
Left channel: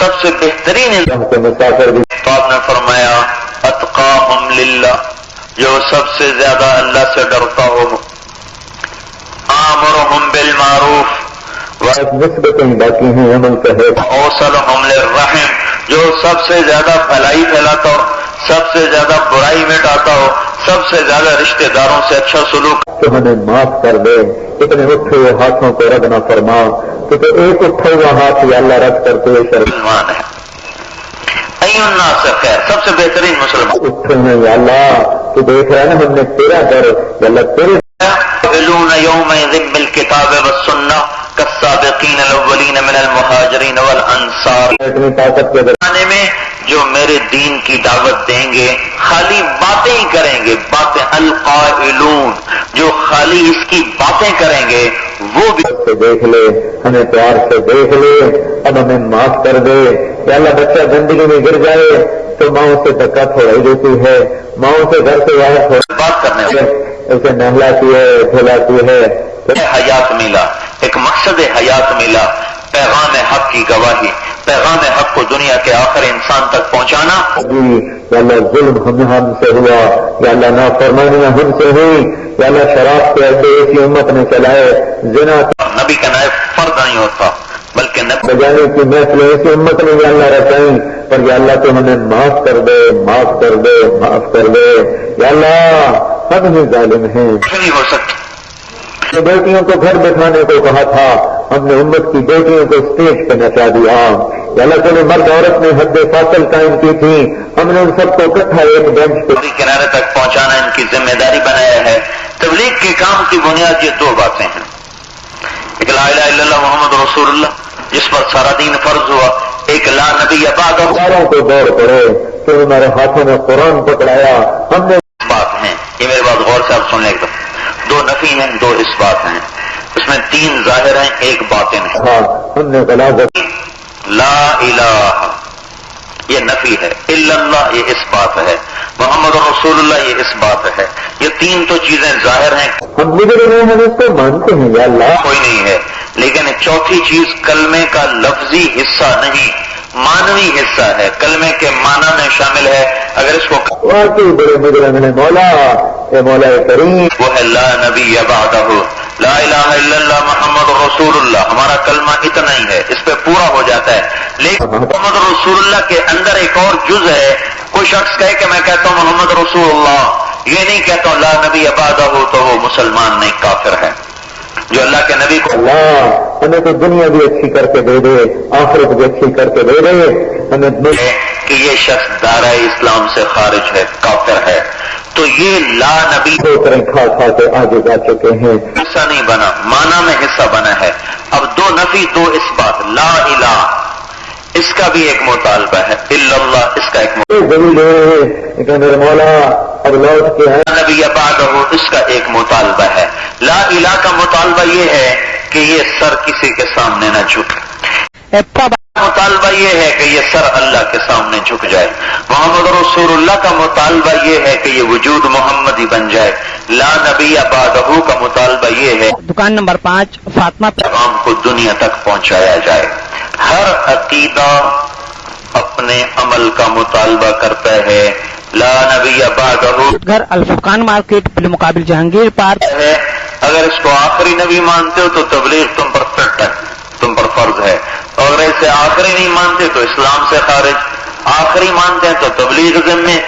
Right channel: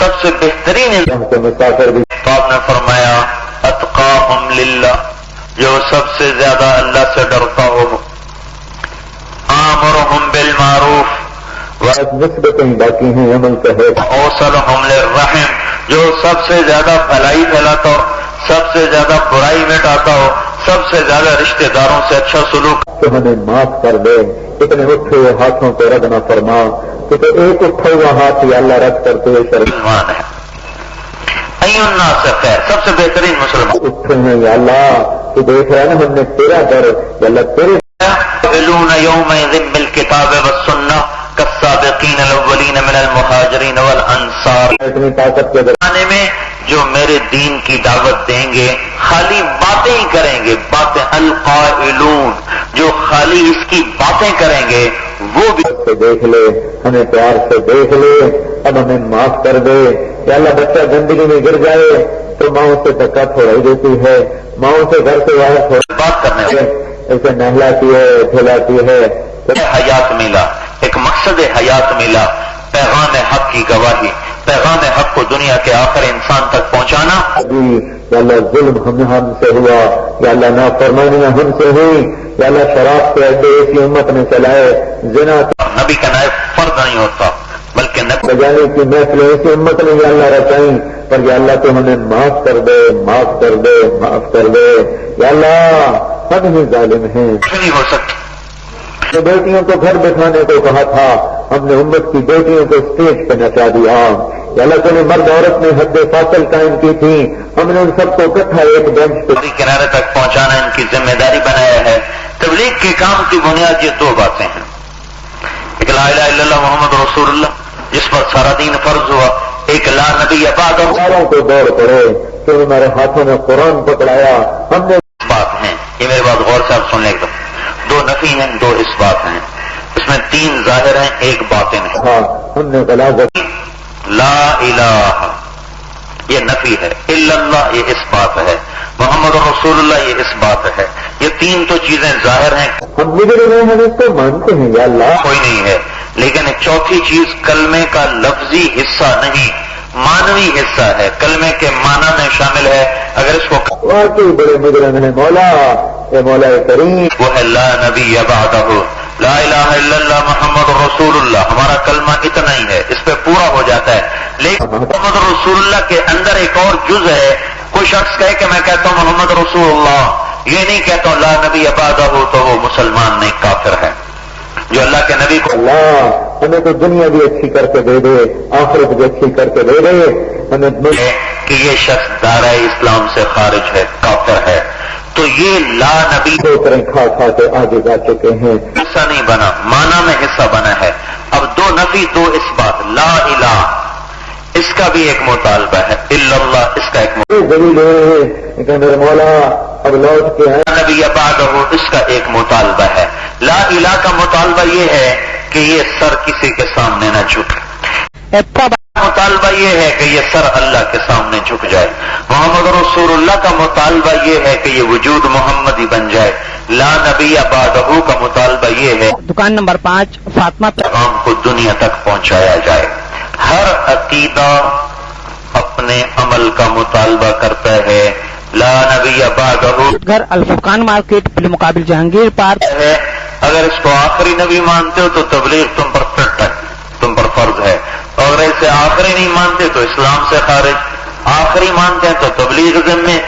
سب سے بہترین انسان کے مسافر بھی تو آپ نے فرمایا اتقاہم للہ، جو سب سے زیادہ اللہ سے ڈرتا ہو، آمرہم بالمعروف نسبتیں باقی ہیں عمل کا ہے، اوصلہم للرحم، جو سب سے زیادہ بھلائی پھیلاتا ہو، سب سے زیادہ برائی مٹاتا ہو، سب سے زیادہ رشتہ داروں سے اچھا سلوک۔ تو ہمیں معاف کر دے، اتنے اٹھے ہوئے ہاتھوں کو رد نہ فرما، تو ایک اٹھے ہوئے ہاتھ یا اللہ رد کرتے ہوئے مسلمان ہے ای الناس خیر، سب سے بہترین مسلمان اٹھے ہیں یا اللہ، تو دیکھ رہا ہے نا ہم نے تیرا در یا اللہ تیرے يقبلون يومئذ بالكتاب والسنة كالسابقين الأولين من المهاجرين والأنصار۔ اتنی طاقت کے زمانے میں جو میرے دین کی دعوت دیں گے خالی باتیں ہی کریں گے، باتیں القائلون، جو خالی اس کی باتیں کریں گے وہ بھی سے دیکھ لے، ہمیں پیار سے دیکھ لے، اب ہمیں معاف کر دے۔ یا اللہ بچہ زندگی میں گر جائے تو ماؤں سے دھکا تھوڑائی دیتی ہے، ماؤں سے گھر سے باہر بات کرنے والے اسے نہلاتی ہے، کھلاتی ہے، حیات ملا، ایک مقصد حیات ملا، پیغام حق کی گواہی، پیغام حق کو دنیا کے آخر انسان تک پہنچانا. یا اللہ ظلم ہم سے ہوا، یا اللہ نافرمانیاں ہم سے ہوئی، یا اللہ شراب کے اڈے ایسی امت نے چلائے، زنا نبی کا نائب فرد نہیں ہوتا بلکہ نبی بجانے کی محفلیں ایسی امت نے یا اللہ رچائیں، اور یا اللہ تو ہمیں معاف کر دے، معاف کر دے، معاف کر دے. یا اللہ ہم ہی ظالم ہیں. نہیں ہو سکتی. جو بیٹیوں کو گھر بٹھانے کو کہا تھا، ہم نے امت کی بیٹیوں کو اسٹیج پہ نچا دیا. یا اللہ تو نے مرد عورت میں حد فاصل قائم کی تھی، ہم نے ان سب کو اکٹھا ایک بینچ پہ کنارے تک پہنچانا ان کی ذمہ داری بنایا ہے. تبلیغ کے کام کی بنیاد یہ دو باتیں ہیں. ایک لا الہ الا اللہ محمد رسول اللہ جس پر سارا دین فرض ہوا، ایک لا نبی بعد. ساروں کو دوڑ پڑے پھر ہمارے ہاتھوں میں قرآن پکڑایا. ہم نے بات ہیں، یہ میری بات غور سے آپ سن لیں. دو نفی ہیں، دو اس بات ہیں. اس میں تین ظاہر ہیں، ایک باطن ہے. کہا ہم نے غلاظت لا الہ یہ نفی ہے، الا اللہ یہ اس بات ہے، محمد رسول اللہ یہ اس بات ہے. یہ تین تو چیزیں ظاہر ہیں، ہم بگڑے ہوئے ہم اس کو مانتے ہیں. یا اللہ کوئی نہیں ہے. لیکن چوتھی چیز کلمے کا لفظی حصہ نہیں، مانوی حصہ ہے، کلمے کے معنی میں شامل ہے. اگر اس کو واقعی بڑے بگڑے میں نے مولا، اے مولا کریم، وہ ہے لا نبی بعدہ، لا الہ الا اللہ محمد رسول اللہ. ہمارا کلمہ اتنا ہی ہے، اس پہ پورا ہو جاتا ہے. لیکن محمد رسول اللہ کے اندر ایک اور جز ہے. کوئی شخص کہے کہ میں کہتا ہوں محمد رسول اللہ، یہ نہیں کہتا ہوں لا نبی بعدہ، تو وہ مسلمان نہیں، کافر ہے. جو اللہ کے نبی کو اللہ ہمیں تو دنیا بھی اچھی کر کے دے دے، آخرت بھی اچھی کر کے دے دے. ہمیں ہے کہ یہ شخص دائرہ اسلام سے خارج ہے، کافر ہے. تو یہ لا نبی کریں کھا کھا کے آگے جا چکے ہیں. حصہ نہیں بنا، معنی میں حصہ بنا ہے. اب دو نفی دو اس بات. لا الہ اس کا بھی ایک مطالبہ ہے، الا اللہ اس کا ایک ضرور لے رہے ہیں لیکن میرے مولا اب لوٹ کے ہیں. نبی بعدہ اس کا ایک مطالبہ ہے. لا الہ کا مطالبہ یہ ہے کہ یہ سر کسی کے سامنے نہ جھکے. مطالبہ یہ ہے کہ یہ سر اللہ کے سامنے جھک جائے. محمد رسول اللہ کا مطالبہ یہ ہے کہ یہ وجود محمدی بن جائے. لا نبی بعدہ کا مطالبہ یہ ہے دکان نمبر 5 فاطمہ پیغام کو دنیا تک پہنچایا جائے. ہر عقیدہ اپنے عمل کا مطالبہ کرتا ہے. لا نبی بعدہ گھر الفرقان مارکیٹ بالمقابل جہانگیر پارک ہے. اگر اس کو آخری نبی مانتے ہو تو تبلیغ تم پر فٹ ہے، تم پر فرض ہے. اور اسے آخری نہیں مانتے تو اسلام سے خارج. آخری مانتے ہیں تو تبلیغ ذمے.